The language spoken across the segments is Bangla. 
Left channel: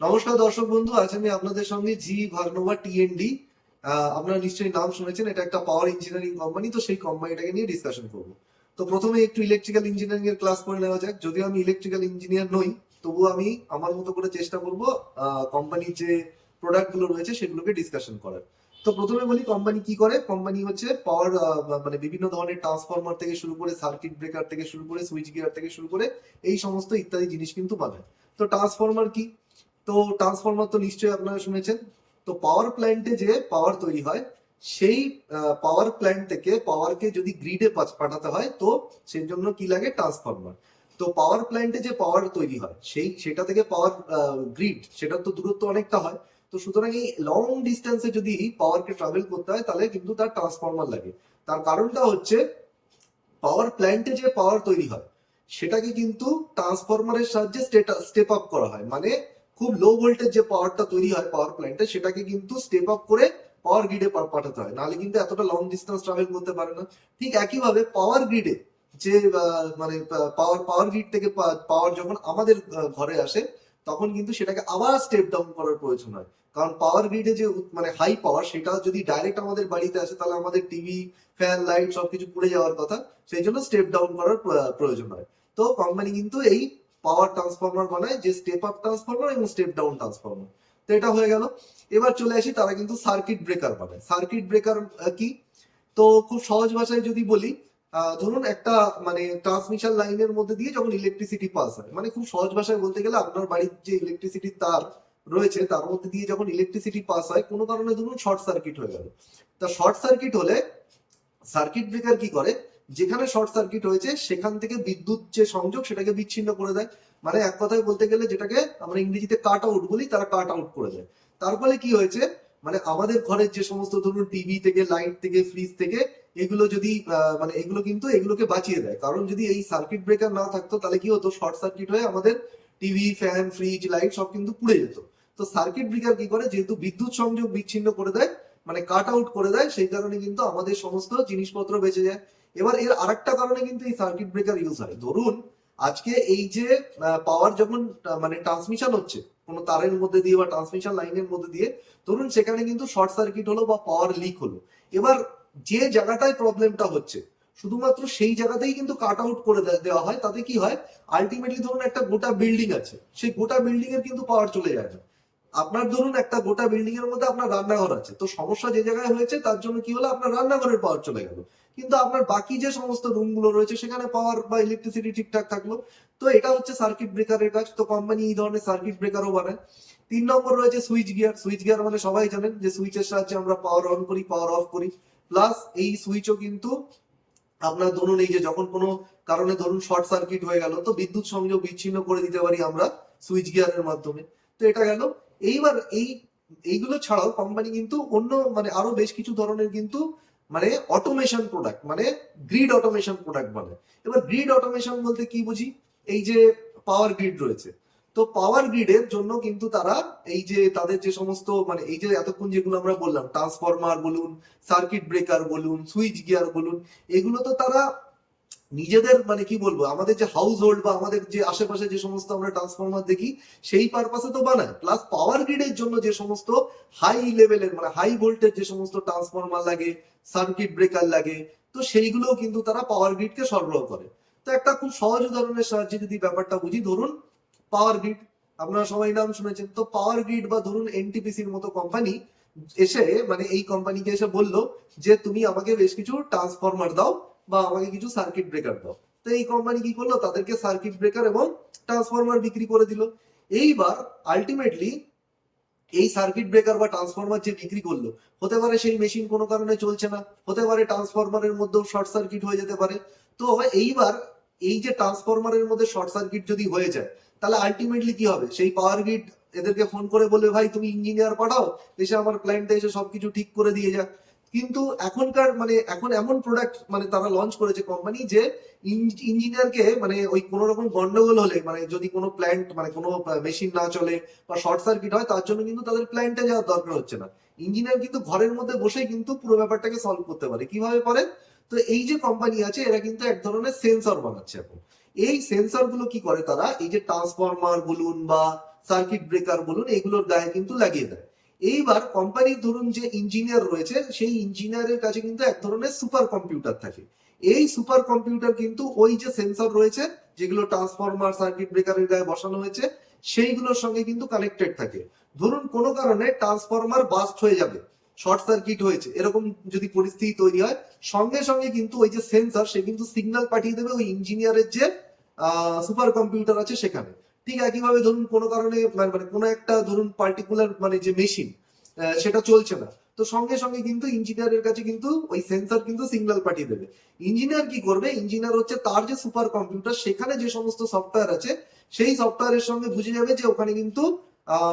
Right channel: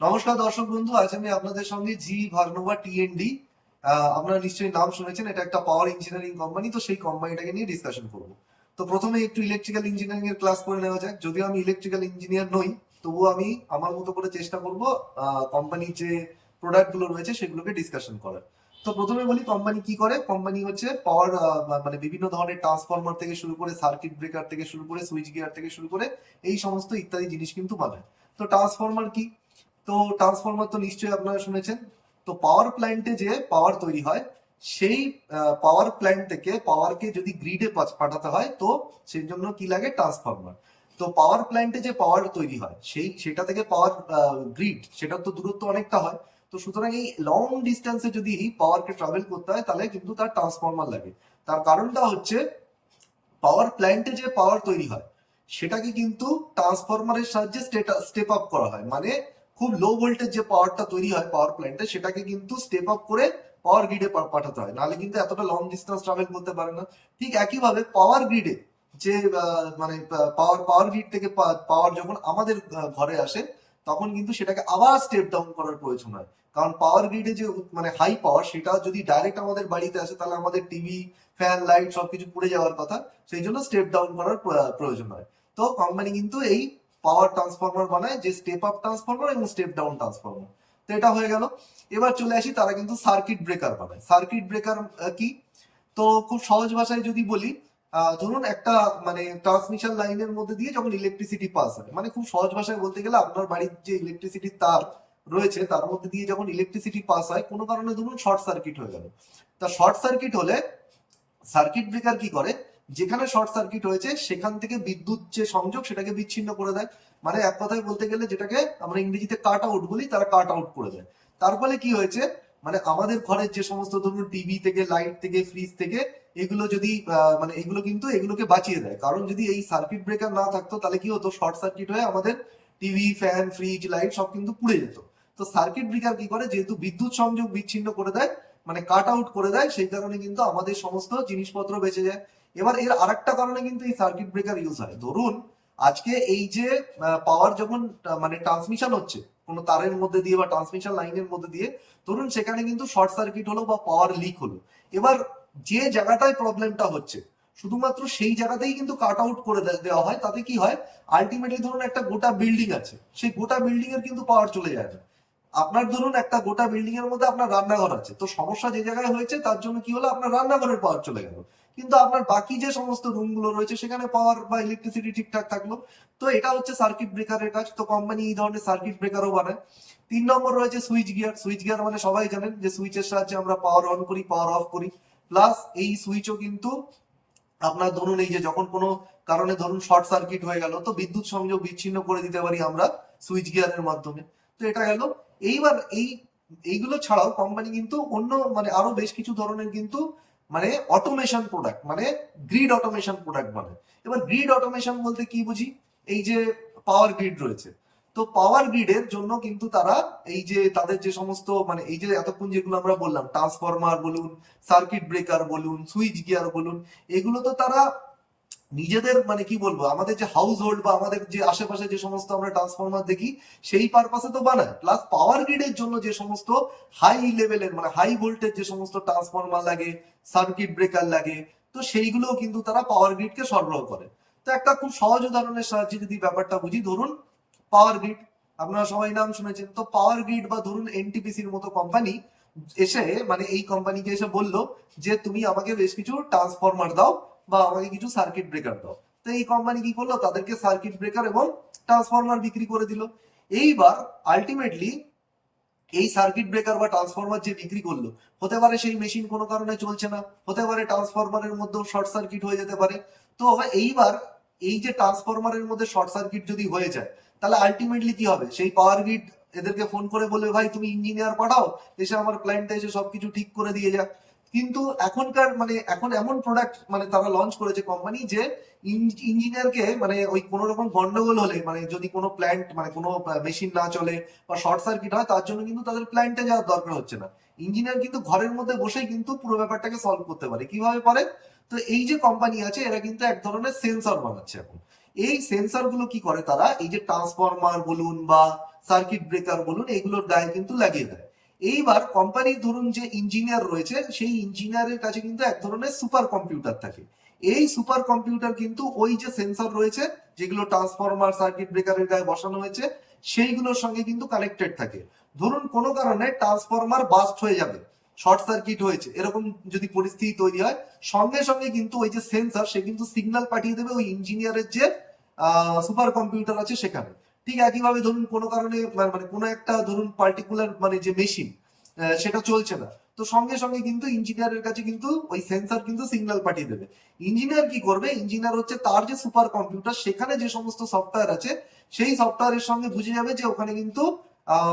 নমস্কার দর্শক বন্ধু, আজ আমি আপনাদের সঙ্গে জি ভার্নোভা টিএনডি, আপনারা নিশ্চয়ই নাম শুনেছেন। এটা একটা পাওয়ার ইঞ্জিনিয়ারিং কোম্পানি। তো সেই কোম্পানিটাকে নিয়ে ডিসকাশন করব। তো প্রথমে একটু ইলেকট্রিক্যাল ইঞ্জিনিয়ারিং এর ক্লাস করে নেওয়া যাক। যদিও আমি ইলেকট্রিক্যাল ইঞ্জিনিয়ার নই, তবুও আমি আমার মতো করে চেষ্টা করব কোম্পানির যে প্রোডাক্ট গুলো রয়েছে সেগুলোকে ডিসকাশন করার। তো প্রথমে বলি কোম্পানি কি করে। কোম্পানি হচ্ছে পাওয়ার, মানে বিভিন্ন ধরনের ট্রান্সফরমার থেকে শুরু করে সার্কিট ব্রেকার থেকে শুরু করে সুইচ গিয়ার থেকে শুরু করে এই সমস্ত ইত্যাদি জিনিস কিন্তু বানায়। তো ট্রান্সফরমার কি? তো ট্রান্সফরমার তো নিশ্চয়ই আপনারা শুনেছেন। তো পাওয়ার প্ল্যান্টে যে পাওয়ার তৈরি হয়, সেই পাওয়ার প্ল্যান্ট থেকে পাওয়ারকে যদি গ্রিডে পাঠাতে হয়, তো সেই জন্য কি লাগে? ট্রান্সফরমার। তো পাওয়ার প্ল্যান্টে যে পাওয়ার তৈরি হয় সেটা থেকে পাওয়ার গ্রিড, সেটার তো দূরত্ব অনেকটা হয়। তো সুতরাং এই লং ডিস্টেন্সে যদি পাওয়ারকে ট্রাভেল করতে হয়, তাহলে কিন্তু তার ট্রান্সফরমার লাগে। তার কারণটা হচ্ছে পাওয়ার প্ল্যান্টে যে পাওয়ার তৈরি হয় সেটাকে কিন্তু ট্রান্সফরমারের সাহায্যে স্টেপ আপ করা হয়। মানে খুব লো ভোল্টেজ যে পাওয়ারটা তৈরি হয় পাওয়ার প্ল্যান্টে, সেটাকে কিন্তু স্টেপ আপ করে পাওয়ার গ্রিডে পাঠাতে হয়, নাহলে কিন্তু এতটা লং ডিস্টেন্স ট্রাভেল করতে পারে না। ঠিক একইভাবে পাওয়ার গ্রিডে যে মানে পাওয়ার গ্রিড থেকে পাওয়ার যখন আমাদের ঘরে আসে, তখন কিন্তু সেটাকে আবার স্টেপ ডাউন করার প্রয়োজন হয়। কারণ পাওয়ার গ্রিডে যে মানে হাই পাওয়ার, সেটা যদি ডাইরেক্ট আমাদের বাড়িতে আসে, তাহলে আমাদের টিভি, ফ্যান, লাইট সবকিছু পুড়ে যাওয়ার কথা। সেই জন্য স্টেপ ডাউন করার প্রয়োজন হয়। তো কোম্পানি কিন্তু এই পাওয়ার ট্রান্সফরমার বানায়, যে স্টেপ আপ ট্রান্সফরমার এবং স্টেপ ডাউন ট্রান্সফরমার। তো এটা হয়ে গেল। এবার চলে আসি, তারা কিন্তু সার্কিট ব্রেকার বানায়। সার্কিট ব্রেকার কি? তো খুব সহজ ভাষায় যদি বলি, ধরুন একটা মানে ট্রান্সমিশন লাইনের মধ্যে দিয়ে যখন ইলেকট্রিসিটি পাস হয়, মানে খুব সহজ ভাষায় বলতে গেলে আপনার বাড়ির যে ইলেকট্রিসিটির তার রয়েছে তার মধ্যে দিয়ে যখন ইলেকট্রিসিটি পাস হয়, কোনো কারণে ধরুন শর্ট সার্কিট হয়ে গেল। তা শর্ট সার্কিট হলে সার্কিট ব্রেকার কি করে? যেখানে শর্ট সার্কিট হয়েছে সেখান থেকে বিদ্যুৎ যে সংযোগ সেটাকে বিচ্ছিন্ন করে দেয়। মানে এক কথায় বলতে গেলে যেটাকে আমরা ইংরেজিতে কাট আউট বলি, তারা কাট আউট করে দেয়। তার ফলে কি হয়েছে? মানে আমাদের ঘরের যে সমস্ত ধরুন টিভি থেকে, লাইট থেকে, ফ্রিজ থেকে, এগুলো যদি মানে এগুলো কিন্তু এগুলোকে বাঁচিয়ে দেয়। কারণ যদি এই সার্কিট ব্রেকার না থাকতো, তাহলে কি হতো? শর্ট সার্কিট হয়ে আমাদের টিভি, ফ্যান, ফ্রিজ, লাইট সব কিন্তু পুড়ে যেত। তো সার্কিট ব্রেকার কি করে? যেহেতু বিদ্যুৎ সংযোগ বিচ্ছিন্ন করে দেয়, মানে কাট আউট করে দেয়, সেই কারণে কিন্তু আমাদের সমস্ত জিনিসপত্র বেঁচে যায়। এবার এর আরেকটা কারণে কিন্তু এই সার্কিট ব্রেকার ইউজ হয়। ধরুন আজকে এই যে পাওয়ার যখন মানে ট্রান্সমিশন হচ্ছে কোনো তারের মধ্যে দিয়ে বা ট্রান্সমিশন লাইনের মধ্যে দিয়ে, ধরুন সেখানে কিন্তু শর্ট সার্কিট হলো বা পাওয়ার লিক হলো। এবার যে জায়গাটায় প্রবলেমটা হচ্ছে, শুধুমাত্র সেই জায়গাতেই কিন্তু কাট আউট করে দেওয়া হয়। তাতে কি হয়? আলটিমেটলি ধরুন একটা গোটা বিল্ডিং আছে, সেই গোটা বিল্ডিং এর কিন্তু পাওয়ার চলে যায় না। আপনার ধরুন একটা গোটা বিল্ডিং এর মধ্যে আপনার রান্নাঘর আছে, তো সমস্যা যে জায়গায় হয়েছে তার জন্য কি হলো? আপনার রান্নাঘরের পাওয়ার চলে গেল, কিন্তু আপনার বাকি যে সমস্ত রুম গুলো রয়েছে সেখানে পাওয়ার বা ইলেকট্রিসিটি ঠিকঠাক থাকলো। তো এটা হচ্ছে সার্কিট ব্রেকারের কাজ। তো কোম্পানি এই ধরনের সার্কিট ব্রেকারও বানায়। 3 নম্বর রয়েছে সুইচ গিয়ার। সুইচ গিয়ার মানে সবাই জানেন যে সুইচের সাহায্যে আমরা পাওয়ার অন করি, পাওয়ার অফ করি। প্লাস এই সুইচও কিন্তু আপনার ধরুন এই যে যখন কোনো কারণে ধরুন শর্ট সার্কিট হয়ে গেল, তো বিদ্যুৎ সংযোগ বিচ্ছিন্ন করে দিতে পারি আমরা সুইচ গিয়ারের মাধ্যমে। তো এটা গেল। এইবার এইগুলো ছাড়াও কোম্পানি কিন্তু অন্য মানে আরো বেশ কিছু ধরনের কিন্তু মানে অটোমেশন প্রোডাক্ট, মানে গ্রিড অটোমেশন প্রোডাক্ট বানায়। এবার গ্রিড অটোমেশন বলতে কি বুঝি? এই যে পাওয়ার গ্রিড রয়েছে, তো পাওয়ার গ্রিডের জন্য কিন্তু তারা এই যে তাদের যে সমস্ত মানে এই যে এতক্ষণ যেগুলো আমরা বললাম, ট্রান্সফরমার বলুন, সার্কিট ব্রেকার বলুন, সুইচ গিয়ার বলুন, এগুলো তো তারা নিজেদের মানে কি বলবো, আমাদের যে হাউস হোল্ড বা আমাদের যে আশেপাশে যে সমস্ত আমরা ট্রান্সফরমার দেখি সেই পারপাসে তো বানায়। প্লাস পাওয়ার গ্রিডের জন্য যে সমস্ত হাই লেভেলের মানে হাই ভোল্টেজ যে সমস্ত ট্রান্সফরমার লাগে, সার্কিট ব্রেকার লাগে, তো সেইগুলোও কিন্তু তারা পাওয়ার গ্রিডকে সরবরাহ করে। তো একটা খুব সহজ উদাহরণের সাহায্যে যদি ব্যাপারটা বুঝি, ধরুন পাওয়ার গ্রিড, আপনারা সবাই নাম শুনেছেন। তো পাওয়ার গ্রিড বা ধরুন এনটিপিসির মতো কোম্পানি এসে মানে এই কোম্পানিকে এসে বললো যে তুমি আমাকে বেশ কিছু ট্রান্সফরমার দাও বা আমাকে কিছু সার্কিট ব্রেকার দাও। তো এই কোম্পানি কি করলো? তাদেরকে সার্কিট ব্রেকার এবং ট্রান্সফরমার বিক্রি করে দিল। এইবার আলটিমেটলি এই সার্কিট ব্রেকার বা ট্রান্সফরমার যে বিক্রি করলো, হতে পারে সেই মেশিন কোনো কারণে চলছে না, হতে পারে ট্রান্সফরমারের মধ্যেও শর্ট সার্কিট হয়ে যেতে পারে। তো এইবার এই যে ট্রান্সফরমারের মধ্যে শর্ট সার্কিট যদি হয়ে যায়, তাহলে আলটিমেটলি কি হবে? সেই পাওয়ার গ্রিড এদেরকে ফোন করে বলবে, ভাই তুমি ইঞ্জিনিয়ার পাঠাও, এসে আমার প্ল্যান্টে এসে সবকিছু ঠিক করে দিয়ে যাক। কিন্তু এখনকার মানে এখন এমন প্রোডাক্ট মানে তারা লঞ্চ করেছে কোম্পানি, যে ইঞ্জিনিয়ারকে মানে ওই কোনো রকম গন্ডগোল হলে, মানে যদি কোনো প্ল্যান্ট মানে কোনো মেশিন না চলে বা শর্ট সার্কিট হয়, তার জন্য কিন্তু তাদের প্ল্যান্টে যাওয়ার দরকার হচ্ছে না। ইঞ্জিনিয়ার কিন্তু ঘরের মধ্যে বসেই কিন্তু পুরো ব্যাপারটাকে সলভ করতে পারে। কিভাবে পারে? তো এই যে কোম্পানি আছে, এরা কিন্তু এক ধরনের সেন্সর বানাচ্ছে এখন। এই সেন্সর গুলো কি করে? তারা এই যে ট্রান্সফরমার বলুন বা সার্কিট ব্রেকার বলুন, এগুলোর গায়ে কিন্তু লাগিয়ে দেয়। এইবার কোম্পানির ধরুন যে ইঞ্জিনিয়ার রয়েছে, সেই ইঞ্জিনিয়ারের কাছে কিন্তু এক ধরনের সুপার কম্পিউটার থাকে। এই সুপার কম্পিউটার কিন্তু ওই যে সেন্সর রয়েছে, যেগুলো ট্রান্সফরমার সার্কিট ব্রেকারের গায়ে বসানো হয়েছে, সেইগুলোর সঙ্গে কিন্তু কানেক্টেড থাকে। ধরুন কোনো কারণে ট্রান্সফরমার বাস্ট হয়ে যাবে, শর্ট সার্কিট হয়েছে, এরকম যদি পরিস্থিতি তৈরি হয়, সঙ্গে সঙ্গে কিন্তু ওই যে সেন্সর, সে কিন্তু সিগন্যাল পাঠিয়ে দেবে ওই ইঞ্জিনিয়ারের যে সুপার কম্পিউটার আছে সেখানে। ঠিক একইভাবে ধরুন কোনো কারণে মানে কোনো একটা ধরুন পার্টিকুলার মানে যে মেশিন সেটা চলছে না, তো সঙ্গে সঙ্গে কিন্তু ইঞ্জিনিয়ারের কাছে কিন্তু ওই সেন্সর কিন্তু সিগন্যাল পাঠিয়ে দেবে। ইঞ্জিনিয়ার কি করবে, ইঞ্জিনিয়ার হচ্ছে তার যে সুপার কম্পিউটার, সেখানে যে সমস্ত সফটওয়্যার আছে, সেই সফটওয়্যারের সঙ্গে বুঝে যাবে যে ওখানে কিন্তু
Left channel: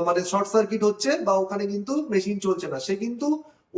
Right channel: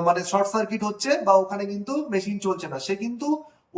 মানে শর্ট সার্কিট হচ্ছে বা ওখানে কিন্তু মেশিন চলছে না। সে কিন্তু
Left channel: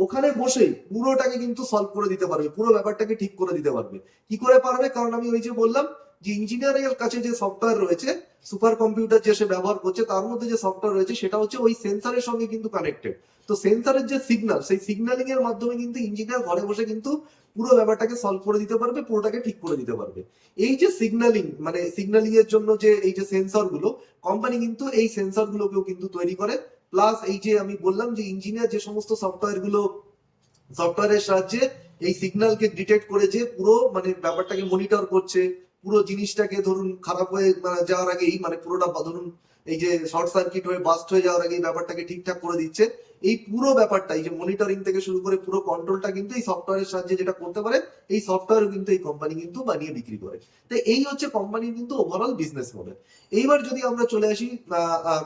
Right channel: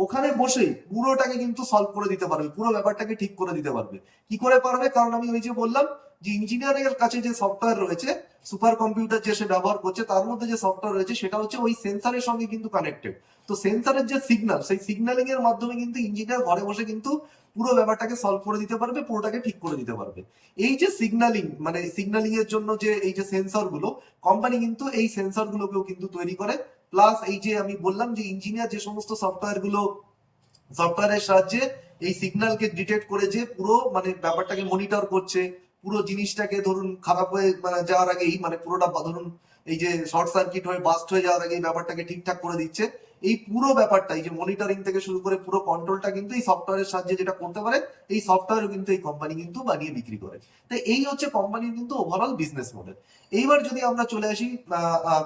ওখানে বসেই পুরোটাকে কিন্তু সলভ করে দিতে পারবে, পুরো ব্যাপারটাকে ঠিক করে দিতে পারবে। কি করে পারবে? কারণ আমি ওই যে বললাম যে ইঞ্জিনিয়ারের কাছে যে সফটওয়্যার রয়েছে, সুপার কম্পিউটার যে সে ব্যবহার করছে, তার মধ্যে যে সফটওয়্যার রয়েছে সেটা হচ্ছে ওই সেন্সরের সঙ্গে কিন্তু কানেক্টেড। তো সেন্সরের যে সিগন্যাল, সেই সিগন্যালিং এর মাধ্যমে কিন্তু ইঞ্জিনিয়ার ঘরে বসে কিন্তু পুরো ব্যাপারটাকে সলভ করে দিতে পারবে, পুরোটাকে ঠিক করে দিতে পারবে। এই যে সিগন্যালিং, মানে সিগন্যালিং এর জন্য যে এই যে সেন্সর গুলো, কোম্পানি কিন্তু এই সেন্সর গুলোকেও কিন্তু তৈরি করে। প্লাস এই যে আমি বললাম যে ইঞ্জিনিয়ার যে সমস্ত সফটওয়্যারের সাহায্যে এই সিগন্যালকে ডিটেক্ট করে যে পুরো মানে ব্যাপারটাকে মনিটর করছে, পুরো জিনিসটাকে ধরুন খারাপ হয়ে যাওয়ার আগেই, মানে পুরোটা ধরুন এই যে শর্ট সার্কিট হয়ে বাস্ট হয়ে যাওয়ার আগেই ব্যাপারটাকে ঠিকঠাক করে দিচ্ছে। এই পুরো ব্যাপারটা, এই যে মনিটরিং থেকে শুরু করে পুরো কন্ট্রোলটা কিন্তু এই সফটওয়্যারের সাহায্যে যেটা করতে পারে, এই সফটওয়্যার কিন্তু এই কোম্পানি কিন্তু বানিয়ে বিক্রি করে। তো এই হচ্ছে কোম্পানির কিন্তু ওভারঅল বিজনেস মডেল। এইবার যদি আমরা চলে আসি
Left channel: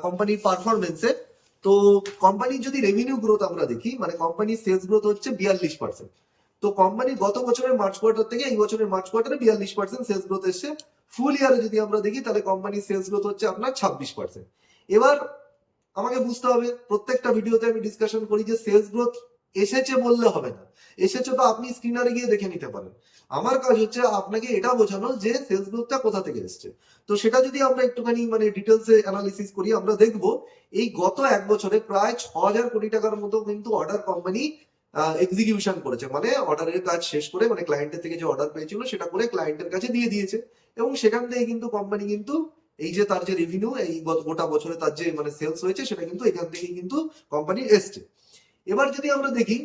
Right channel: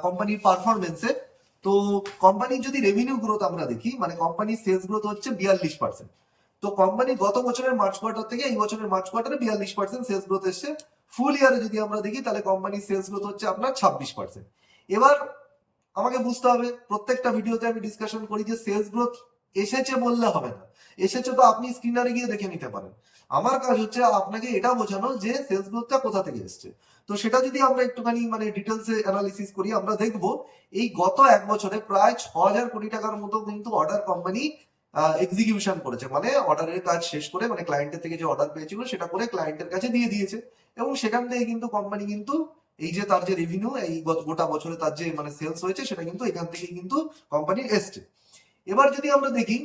কোম্পানির পারফরমেন্সে, তো কোম্পানির যদি রেভিনিউ গ্রোথ আমরা দেখি, মানে কোম্পানির সেলস গ্রোথ হচ্ছে 42%। তো কোম্পানি গত বছরের মার্চ কোয়ার্টার থেকে এই বছরের মার্চ কোয়ার্টারে 42% সেলস গ্রোথ এসছে। ফুল ইয়ারে যদি আমরা দেখি, তাহলে কোম্পানির সেলস গ্রোথ হচ্ছে আপনার 26%। এবার আমাকে বুঝতে হবে, প্রত্যেকটা ভিডিওতে আমি ডিসকাশন করি যে সেলস গ্রোথ এসেছে বললে হবে না, এসেছে তো আপনি স্ক্রিনারে গিয়ে দেখে নিতে পারেন। আমার কাজ হচ্ছে আপনাকে এটা বোঝানো যে সেলস গ্রোথটা কোথা থেকে এসছে। তো সেটা যদি আমরা একটুখানি মানে ডিটেলসে অ্যানালিসিস করি, আমরা দেখব এই গত এক বছরে প্রায় 6,000 কোটি টাকার মতো কিন্তু অর্ডার কোম্পানি এক্সিকিউশন করেছে, মানে অর্ডারের কাজ শেষ করে, মানে ক্লায়েন্টের থেকে যে অর্ডার পেয়েছিল সেটা করে ক্লায়েন্টের কাছে দিয়ে দিয়েছে। এবং সেখান থেকে কিন্তু কোম্পানি কিন্তু এই যে তার যে রেভিনিউ, এই গোটা বছরে তার যে মানে সেলস হয়েছে, সেটা কিন্তু এখান থেকেই কিন্তু কোম্পানির এসছে। এবার যদি আমরা দেখি,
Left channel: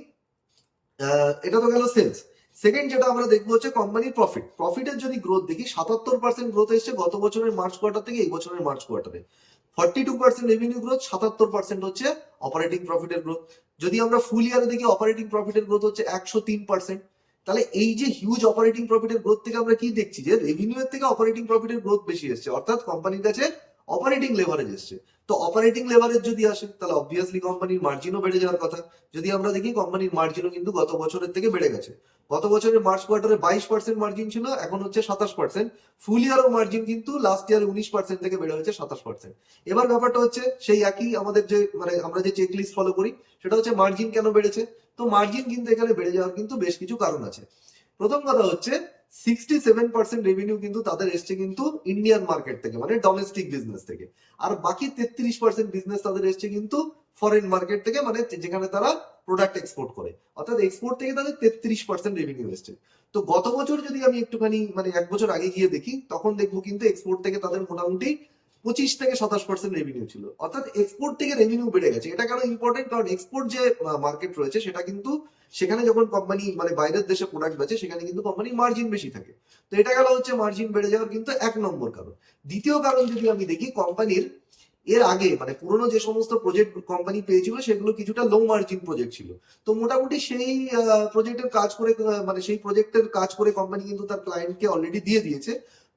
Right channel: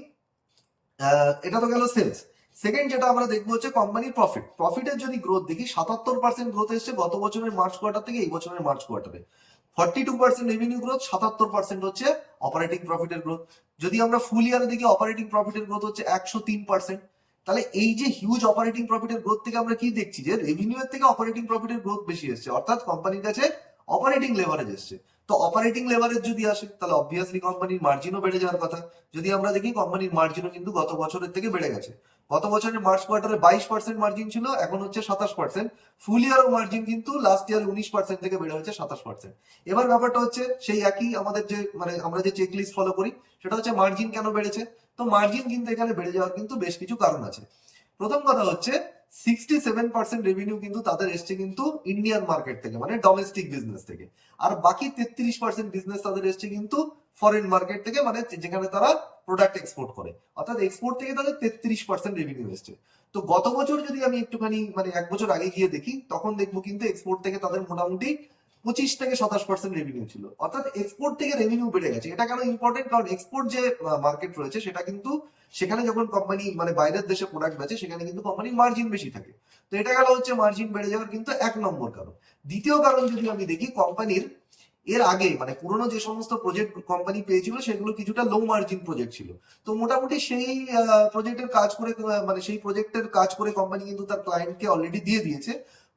এটা তো গেল সেলস। সেকেন্ড যেটা আমরা দেখবো হচ্ছে কোম্পানির প্রফিট। প্রফিটের যদি গ্রোথ দেখি, 77% গ্রোথ এসছে গত বছরের মার্চ কোয়ার্টার থেকে এই বছরের মার্চ কোয়ার্টারে। 42% রেভিনিউ গ্রোথ, 77% হচ্ছে অপারেটিং প্রফিটের গ্রোথ। যদি আমরা ফুল ইয়ারে দেখি, অপারেটিং প্রফিটের গ্রোথ হচ্ছে 103%। তাহলে এই যে হিউজ অপারেটিং প্রফিটের গ্রোথ থেকে আমরা কি দেখছি, যে রেভিনিউ এর থেকে অপারেটিং প্রফিটের গ্রোথ বেশি এসছে, অর্থাৎ কোম্পানির কাছে অপারেটিং লেভারেজ এসছে। তো অপারেটিং লেভারেজ যদি আসে, তাহলে অবভিয়াসলি কোম্পানির মার্জিনও বেড়ে যাওয়ার কথা। যদি আমরা দেখি, কোম্পানির মার্জিনও কিন্তু গত বছরের থেকে বেড়ে গেছে। গত বছরের মার্চ কোয়ার্টারে 22% মার্জিন ছিল, এখন হচ্ছে 27%। ফুল ইয়ারও মার্জিন কিন্তু লাস্ট ইয়ারে 19% থেকে বেড়ে হয়েছে 27%। এবার ব্যাপারটা হচ্ছে সেই একই, আমাদের যে মানে আমরা যে চেক লিস্ট ফলো করি, সেটা হচ্ছে মার্জিন কেন বেড়েছে। তো মার্জিন কিন্তু এখানে বেড়ে যাওয়ার কিন্তু বেশ কিছু কারণ আছে। প্রথম কথা হচ্ছে 67% রেভিনিউ কিন্তু তাদের এসছে কিন্তু ইন্ডিয়ান মার্কেট থেকে, মানে ডোমেস্টিক বিজনেস থেকে। আর বাকি 33% বিজনেস তাদের এসছে কিন্তু ফরেন মার্কেট থেকে, মানে যেখানে তারা প্রোডাক্ট এক্সপোর্ট করে, অর্থাৎ এক্সপোর্ট থেকে তাদের 33% রেভিনিউ এসছে। তো গত বছর যদি আমি একটুখানি মানে এক বছর আগে গিয়ে দেখি, তখন দেখবো কিন্তু এক্সপোর্ট থেকে তাদের মোটামুটি 25 থেকে 27% রেভিনিউ ছিল, অর্থাৎ এক্সপোর্ট থেকে রেভিনিউ বেড়ে গেছে। এটা কেন ইম্পর্টেন্ট? কারণ এক্সপোর্ট যে মার্কেট রয়েছে, সেটা কিন্তু সেখানে যখন কোম্পানি মানে বাইরের দেশে প্রোডাক্ট বেচে, সেখানে কিন্তু কোম্পানির মার্জিন বেশি থাকে। তো এটা গেল হচ্ছে মার্জিন বেড়ে যাওয়ার কিন্তু এক নম্বর কারণ। দ্বিতীয় কারণ যদি আমি দেখি, কোম্পানির এর আগে মানে পুরোনো যে সমস্ত প্রজেক্ট কোম্পানি পেয়েছিল, সেগুলো কিছুটা লো মার্জিন প্রজেক্ট ছিল। তো মোটামুটি সেই প্রজেক্টের কাজ করে মানে সেই প্রজেক্টের কাজ করে কোম্পানি কিন্তু তার ক্লায়েন্টকে অলরেডি দিয়ে দিয়েছে।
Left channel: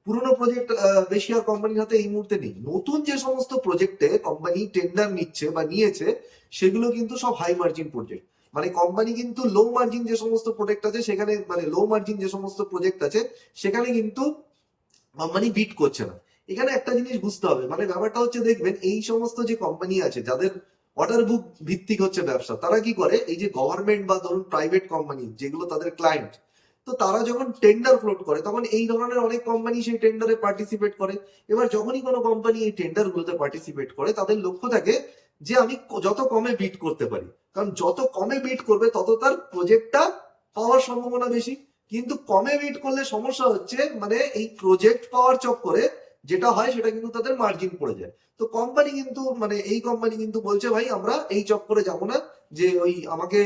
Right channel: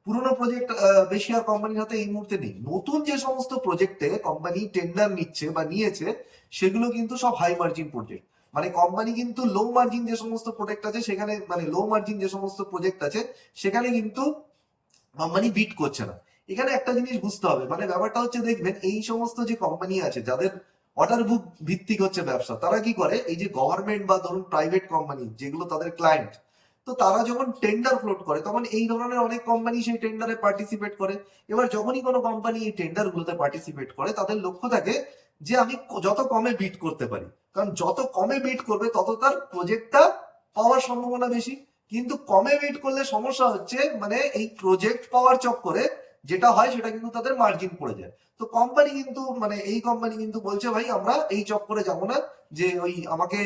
পুরোনো প্রজেক্ট বেশি আর কোম্পানির হাতে এই মুহূর্তে নেই। নতুন যে সমস্ত প্রজেক্টে কোম্পানি টেন্ডার নিচ্ছে বা নিয়েছে, সেগুলো কিন্তু সব হাই মার্জিন প্রজেক্ট। মানে কোম্পানি কিন্তু লো মার্জিন যে সমস্ত প্রোডাক্ট আছে সেখানে, মানে লো মার্জিন যে সমস্ত প্রজেক্ট আছে সেখানে কিন্তু কোম্পানি বিট করছে না। এখানে একটা জিনিস বুঝতে হবে, মানে ব্যাপারটা হচ্ছে দেখবেন এই সমস্ত যে কোম্পানি আছে যাদের অর্ডার বুক ভিত্তিক হচ্ছে ব্যবসা, তারা কি করে, এই যে গভর্নমেন্ট বা ধরুন প্রাইভেট কোম্পানি যেগুলো তাদের ক্লায়েন্ট, তো তারা যখন টেন্ডার ফ্লোট করে, তখন এই ধরনের অনেক কোম্পানি সেই টেন্ডারে পার্টিসিপেট করে। এবার যখনই কোনো কোম্পানি এই টেন্ডার গুলোতে পার্টিসিপেট করে, তাদের লক্ষ্য থাকে যে আমি যত কমে বিট করতে পারি, কারণ যত কমে বিট করবে তত তার প্রজেক্টটা পাওয়ার সম্ভাবনা বেশি। কিন্তু কমে বিট করলে সমস্যা হচ্ছে, মানে এই প্রজেক্ট পাওয়ার চক্করে যেটা হয় সেটা কিন্তু তাদের মার্জিন পড়ে যায়। তো কোম্পানি কিন্তু মানে এই কোম্পানি কিন্তু বলছে ভাই আমরা এই চক্করে যাবো না, যে ওই আমাকে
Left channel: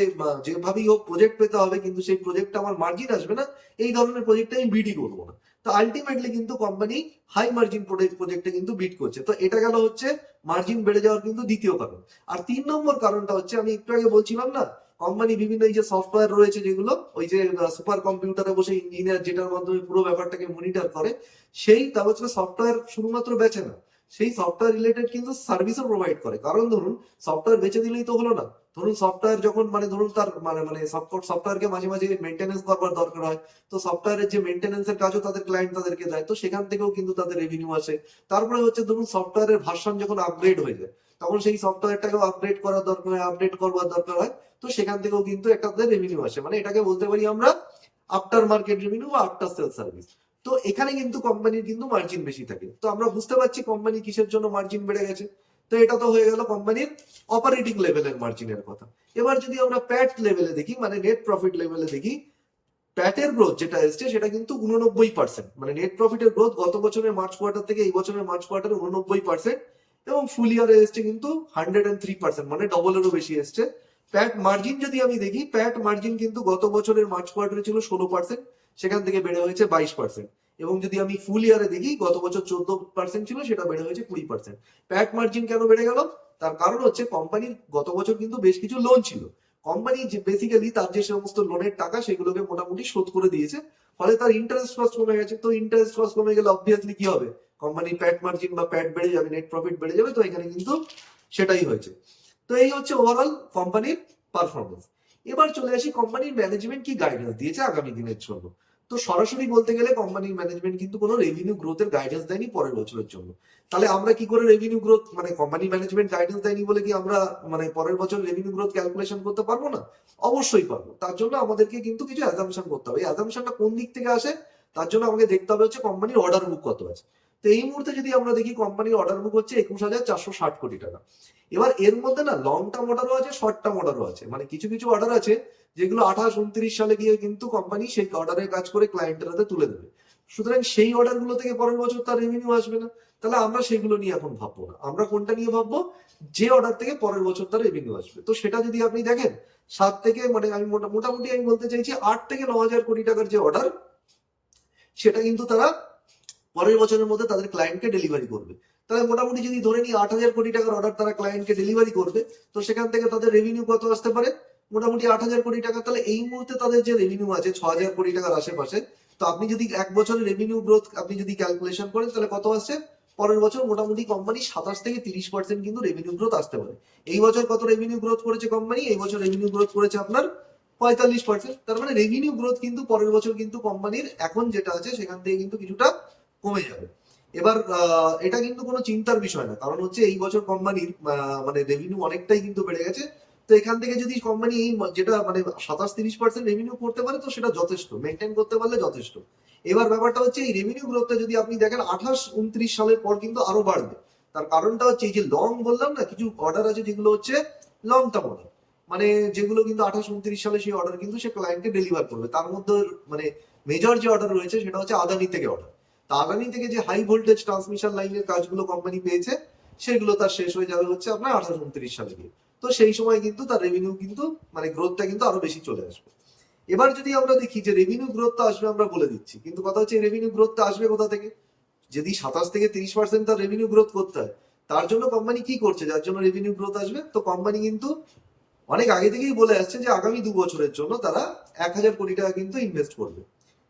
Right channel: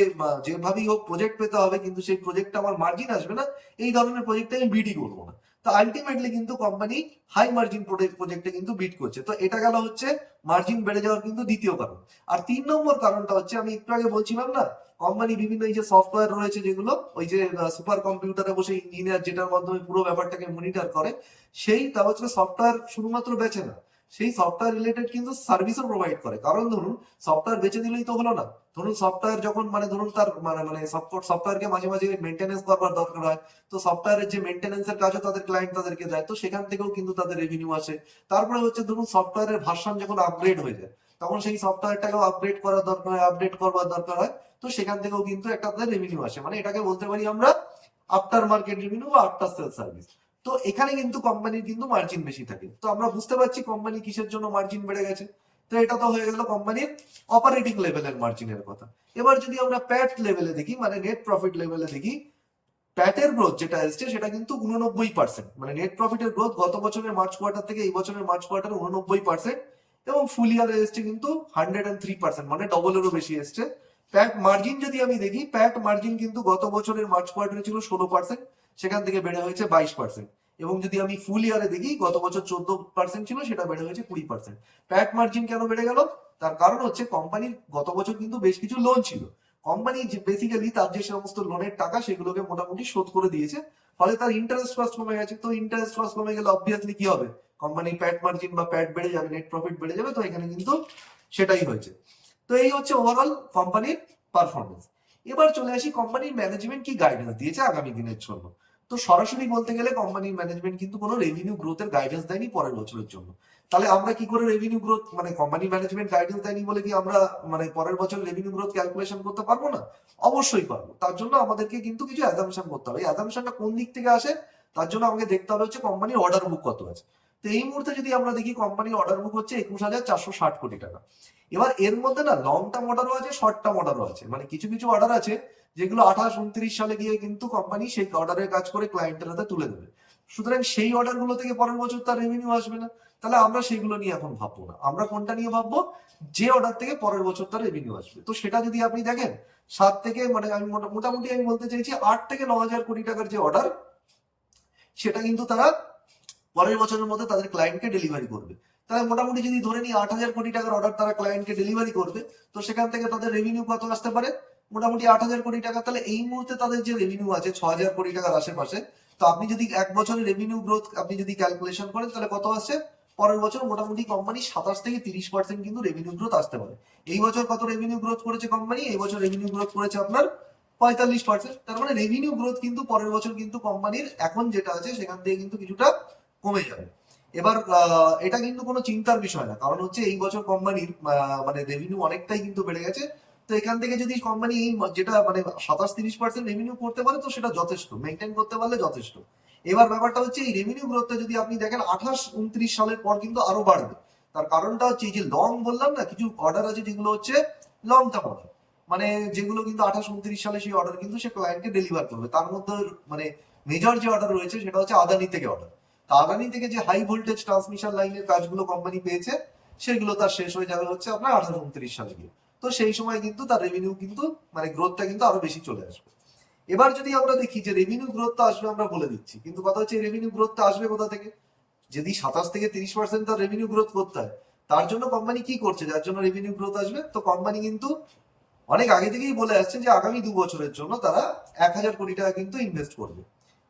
যেভাবেই হোক প্রজেক্ট পেতে হবে কিন্তু সেই প্রজেক্টটা আমার মার্জিন আসবে না, এই ধরনের প্রজেক্টে আমি বিডই করবো না। তো আলটিমেটলি কিন্তু কোম্পানি হাই মার্জিন প্রজেক্টে কিন্তু বিট করছে। তো এটা গেল হচ্ছে মার্জিন বেড়ে যাওয়ার কিন্তু দ্বিতীয় কারণ। আর 3 নম্বর কারণটা হচ্ছে আমি একটু আগে বলছিলাম না, কোম্পানি বিভিন্ন এই যে সফটওয়্যার রয়েছে যেগুলো ওই যে সুপার কম্পিউটারে বসে ইঞ্জিনিয়ার যেটার মাধ্যমে পুরো ব্যাপারটাকে মনিটর করে, সেই তা হচ্ছে সফটওয়্যার শুধুমাত্র বেচে না, সেই সফটওয়্যার রিলেটেড কিন্তু সার্ভিসও প্রোভাইড করে। কারণ ধরুন সফটওয়্যার বেচে দিলেই তো হলো না, ধরুন সফটওয়্যার যখন মানে ধরুন তার মানে সফটওয়্যারকে মাঝে মাঝে মেনটেনেন্স করবার দরকার হয়, তো সফটওয়্যারের যে মেনটেনেন্সের কাজও তাদের ক্লায়েন্ট তাদেরকে দেয়, তো সেখান থেকেও কিন্তু তাদের রেভিনিউ আসে। তারপরে হচ্ছে ধরুন সফটওয়্যারের ভার্সন যখন আপগ্রেড হয়ে যায়, তখন সেই সফটওয়্যারটাকেও আপগ্রেড করার দরকার হয়, আপডেট করবার দরকার হয়, তো সেখান থেকেও কিন্তু একটা তাদের রেভিনিউ আসে। মানে এটাকে বলতে পারি আমরা আফটার মার্কেট রেভিনিউ বা আফটার সেল সার্ভিস। তো এখানে কিন্তু কোম্পানির কিন্তু মার্জিন বেশি থাকে। তো আমরা বুঝতে পারছি কোম্পানি কিসের জন্য মার্জিন বেড়ে গেছে। তো এটা তো হয়ে গেল কোম্পানির অপারেটিং লেভেলের মার্জিনের কথা। এবার যদি আমরা প্যাট লেভেলে দেখি, মানে নেট প্রফিট লেভেলে দেখি, প্যাটের গ্রোথ যেটা এসছে সেটা কিন্তু 89%। মানে নেট প্রফিটের গ্রোথ গত বছরের মার্চ কোয়ার্টার থেকে এই বছরের মার্চ কোয়ার্টারে 89%, এবং ফুল ইয়ারে এসছে কিন্তু 103%, মানে ডবলেরও বেশি এসছে। প্যাট মার্জিন যদি আমি দেখি, প্যাট মার্জিন কিন্তু গত বছরের মার্চ কোয়ার্টারে ছিল 16%, সেখান থেকে বেড়ে হয়েছে 22%। এবং যদি আমি ফুল ইয়ারে দেখি, গত বছর 14% ছিল, সেটা বেড়ে হয়েছে 20%। প্যাট মার্জিন কেন বেড়ে গেল? তার কারণ হচ্ছে কোম্পানির গত বছর কিন্তু বেশ কিছু লোন ছিল, কোম্পানি যে বেসিক্যালি তার যে সমস্ত লোনের টাকা সেগুলোকে মোটামুটি শোধ করে দিয়েছে, ফলে তার ইন্টারেস্ট কস্ট কমে গেছে। তো ইন্টারেস্ট কস্ট কমে গেলে অবভিয়াসলি কি হবে, কোম্পানির প্যাট মার্জিন বা প্যাট বেড়ে যাবে, নেট প্রফিট বেড়ে যাবে। তো এখানে কিন্তু সেটাই হয়েছে। তো এই হচ্ছে ওভারঅল কোম্পানির পারফরমেন্স। এবার চলে আসি কোম্পানির ম্যানেজমেন্ট কি গাইডেন্স দিয়েছে আগামী দিনের জন্য। তো সরাসরি বলতে গেলে কোম্পানির ম্যানেজমেন্ট কিন্তু কোনো রেভিনিউ গ্রোথের গাইডেন্স দেয়নি পরের বছরের জন্য। তাহলে আমরা কি করে রেভিনিউ গ্রোথ, মানে কোম্পানি ম্যানেজমেন্ট গাইডেন্স দেয়নি বলে কি আমরা মানে পরের বছর রেভিনিউ গ্রোথ ক্যালকুলেশন করতে পারবো না? অবশ্যই পারবো। তার জন্য আমাদেরকে কিন্তু কিছু অ্যাজাম্পশন করতে হবে। এই অ্যাজাম্পশনটা কোন দিক থেকে আসে? তার জন্য আমাকে দেখতে হবে হচ্ছে কোম্পানির অর্ডার বুক কত আছে। তো এই মুহূর্তে যদি আমরা দেখি কোম্পানির অর্ডার বুক হচ্ছে 21,460 কোটি টাকা। এবার এর মধ্যে না লং টার্ম অর্ডারও আছে, শর্ট টার্ম অর্ডারও আছে। মানে কিছু কিছু অর্ডার আছে যেগুলো 28-29 সালে গিয়ে কিন্তু কোম্পানি সেই অর্ডারের কাজ করে ক্লায়েন্টের হাতে তুলে দেবে। সুতরাং সেই অর্ডারগুলো থেকে পরের বছর তার রেভিনিউ আসবে না। তাহলে আমরা সেগুলো নিয়ে এখন ভাববো না, আমরা কোনটা নিয়ে ভাববো, যে অর্ডার থেকে পরের বছর তার রেভিনিউ আসবে। তো সেটা যদি আপনি দেখেন 7 থেকে মানে আমি মোটামুটি আমি বলতে চাইছি 8 থেকে 9 হাজার কোটি টাকার যে অর্ডার, সেটা কিন্তু তারা পরের বছরের মধ্যে তাদের ক্লায়েন্টকে ডেলিভারি করবে। তাহলে মোটামুটি যদি ধরে নিই 8,000 কোটি টাকার অর্ডার তারা ক্লায়েন্টকে ডেলিভারি করবে, তো সেখান থেকে তাদের রেভিনিউ কত আসতে পারে? মোটামুটি 8,000 কোটি টাকা। তাহলে এই মুহূর্তে তাদের যে রেভিনিউ আছে 6,000 কোটি টাকার আশেপাশে, তো আপনি যদি এক বছরের রেভিনিউ গ্রোথ আপনি যদি ক্যালকুলেশন করেন তাহলে কত আসছে? পরের বছর মোটামুটি কোম্পানি 27 থেকে 30% কিন্তু রেভিনিউ গ্রোথ আসতে পারে। এই বছর কত রেভিনিউ গ্রোথ করেছে কোম্পানি? এই বছর রেভিনিউ গ্রোথ করেছে আপনার 45%। তার মানে রেভিনিউ গ্রোথ কিন্তু পরের বছর কিন্তু কোম্পানির এখন যেটা আছে সেখান থেকে কিন্তু কিছুটা কমে যাবে। এবার এটা কিন্তু কোনো চিন্তার বিষয় না, কারণ হচ্ছে এই বছর কোম্পানির মানে রেভিনিউ অনেকটাই কিন্তু বেড়ে গেছে। তো এখান থেকে যদি কোম্পানি এই যেটা মানে 27-30% রেভিনিউ করতে পারে, তো সেটা যথেষ্ট, মেনটেন করতে পারলে যথেষ্ট। এবার ব্যাপারটা হচ্ছে এই রেভিনিউ গ্রোথটা যদি আপনি দেখেন 28-29 সালের পর কিন্তু আরো বাড়বে। তার কারণটা হচ্ছে এই যে লং বললাম না, কিছু অর্ডার আছে যেগুলো হচ্ছে লং টার্ম অর্ডার, মানে যেগুলো কিন্তু 28-29 সালে সেই অর্ডার কিন্তু সে ক্লায়েন্টকে ডেলিভার করবে। তার মধ্যে মানে মেজর যে অর্ডার রয়েছে সেটা হচ্ছে আদানি থেকে অর্ডার। আদানি থেকে যে হাই ভোল্টেজ ট্রান্সমিশন লাইনের কাজগুলো কোম্পানি পেয়েছে, সেগুলো তার শেষ হয়ে যাবে হচ্ছে আপনার 28-29 সালে গিয়ে। তো সেই সময় কিন্তু তার রেভিনিউ কিন্তু মানে গ্রোথটা কিন্তু আরো বেশি চলে আসবে। এবার যদি আমরা দেখি যে রেভিনিউ গ্রোথটা আসবে আমরা বলে দিচ্ছি, কিন্তু কথা হচ্ছে রেভিনিউ গ্রোথটা আসবে কোথা থেকে? যদি 27 থেকে 30% তার রেভিনিউ গ্রোথ করতে হয়, তার জন্য কোম্পানি কি করছে যার জন্য রেভিনিউ গ্রোথ আসবে? তো কোম্পানি কিন্তু অনেক আগে থেকেই বলে আসছে যে আগামী 2 বছরের জন্য তারা 1,000 কোটি টাকা কিন্তু ইনভেস্ট করবে।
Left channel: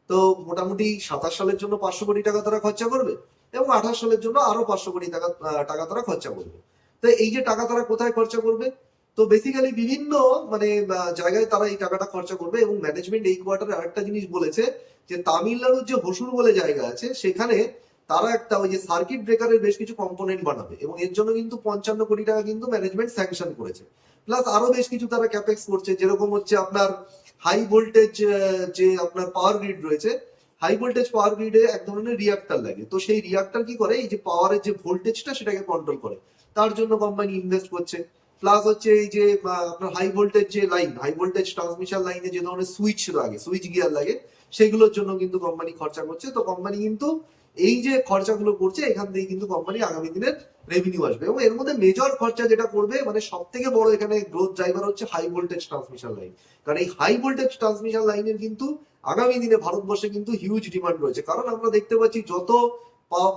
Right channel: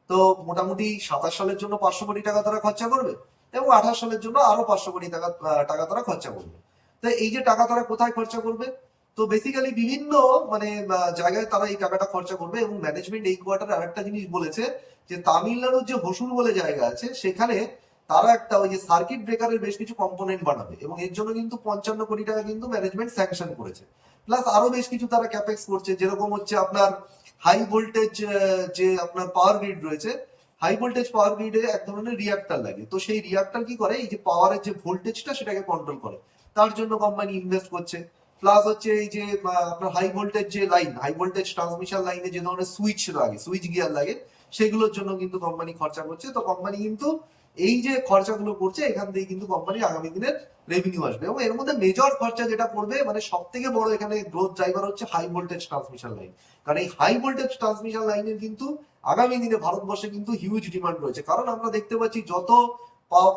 তো মোটামুটি 27 সালের জন্য 500 কোটি টাকা তারা খরচা করবে, এবং 28 সালের জন্য আরো 500 কোটি টাকা তারা খরচা করবে। তো এই যে টাকা তারা কোথায় খরচা করবে? তো বেসিক্যালি বিভিন্ন মানে জায়গায় তারা এই টাকাটা খরচা করবে। এবং ম্যানেজমেন্ট এই কোয়ার্টারে আরেকটা জিনিস বলেছে যে তামিলনাড়ুর যে হসুর বলে জায়গা আছে সেখানে তারা একটা ওই যে সার্কিট ব্রেকারের বেশ কিছু কম্পোনেন্ট বানাবে, এবং এর জন্য কিন্তু 55 কোটি টাকা কিন্তু ম্যানেজমেন্ট স্যাংশন করেছে। প্লাস আরো বেশ কিছু তারা ক্যাপেক্স করছে, যেরকম হচ্ছে আপনার হাই ভোল্টেজ যে আপনার পাওয়ার গ্রিড রয়েছে, হাই ভোল্টেজ পাওয়ার গ্রিডে এক ধরনের রিয়াক্টার লাগে। তো সেই রিয়াক্টার কি করে, এই যে পাওয়ারের যে ভোল্টেজটা সেটাকে কন্ট্রোল করে, তার জন্য কোম্পানি ইনভেস্ট করছে। প্লাস হচ্ছে এই যে আপনার হাই ভোল্টেজ যে লাইন, হাই ভোল্টেজ ট্রান্সমিশন লাইনে যে ধরনের সুইচ লাগে, সুইচ গিয়ার লাগে, সেগুলোর জন্য কিন্তু কোম্পানি খরচা করছে। তো কোম্পানি কিন্তু এই যে খরচাগুলো করছে এখান থেকে কিন্তু কোম্পানির আগামী দিনের রেভিনিউ আসবে। এবং এর মধ্যে মেজর খরচা যেটা করবে, মানে সব থেকে বড় এখানে গ্রোথ ড্রাইভার হচ্ছে হাই ভোল্টেজ ট্রান্সমিশন লাইন। কারণ এই হাই ভোল্টেজ ট্রান্সমিশন লাইনের কিন্তু আগামী দিনে ভারতবর্ষে কিন্তু হিউজ ডিমান্ড রয়েছে। কারণ আমরা দেখতে পাচ্ছি যত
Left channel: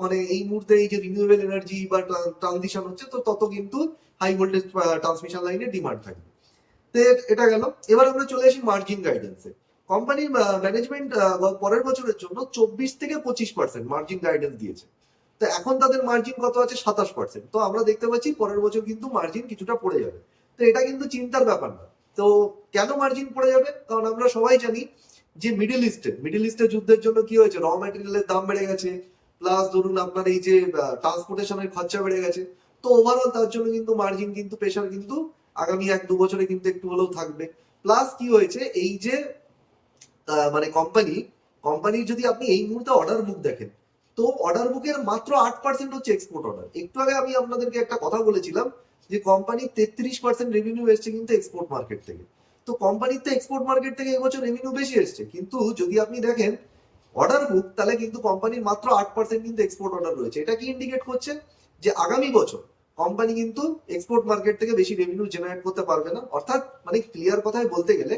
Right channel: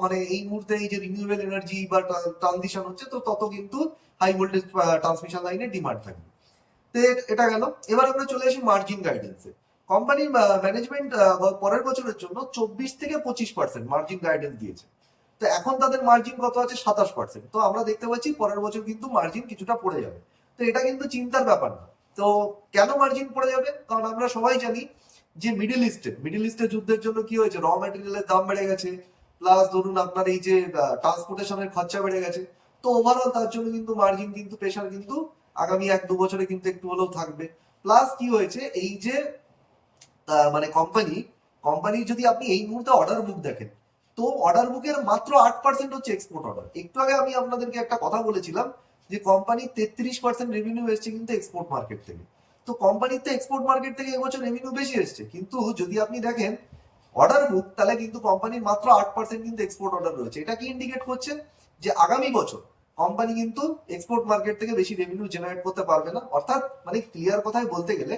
মানে এই মুহূর্তে এই যে রিনিউয়েবল এনার্জি বা ট্রানজিশন হচ্ছে, তো তত কিন্তু হাই ভোল্টেজ ট্রান্সমিশন লাইনের ডিমান্ড থাকবে। তো এটা গেল। এবার আমরা চলে আসি মার্জিন গাইডেন্সে। কোম্পানির ম্যানেজমেন্ট পরের বছরের জন্য 24 থেকে 25% মার্জিন গাইডেন্স দিয়েছে। তো এখন তাদের মার্জিন কত আছে? 27%। তো আমরা দেখতে পাচ্ছি পরের বছর কিন্তু মার্জিন কিছুটা পড়ে যাবে। তো এটা কিন্তু চিন্তার ব্যাপার না। তো কেন মার্জিন পড়ে যাবে? কারণ আমরা সবাই জানি যে মিডিল ইস্টের যুদ্ধের জন্য কি হয়েছে, র ম্যাটেরিয়ালের দাম বেড়ে গেছে, প্লাস ধরুন আপনার এই যে ট্রান্সপোর্টেশনের খরচা বেড়ে গেছে। তো ওভারঅল তার জন্য কিন্তু মার্জিন কিন্তু প্রেশার কিন্তু আগামী 1-2 বছরে কিন্তু একটু হলেও থাকবে। প্লাস কি হয়েছে, এই যে মানে কোম্পানির যদি আপনি এই মুহূর্তে অর্ডার বুক দেখেন, তো অর্ডার বুকের মাত্র 8% হচ্ছে এক্সপোর্ট অর্ডার। একটু আগে আমি আপনাদেরকে একটা কথা বলেছিলাম যে কোম্পানির 33% রেভিনিউ এসছে কিন্তু এক্সপোর্ট মার্কেট থেকে। তো কোম্পানির তো এক্সপোর্ট মার্কেট থেকে এবছর রেভিনিউ বেশি এসছে, কিন্তু যদি আপনি দেখেন অর্ডার বুক, তাহলে কিন্তু কোম্পানির মাত্র 8% কিন্তু এক্সপোর্ট অর্ডার রয়েছে। এটা কি ইন্ডিকেট করছে? যে আগামী বছর কোম্পানি কিন্তু এক্সপোর্ট মার্কেট থেকে বেশি রেভিনিউ জেনারেট করতে পারবে না। অর্থাৎ মানে ক্লিয়ার কথায় বলতে গেলে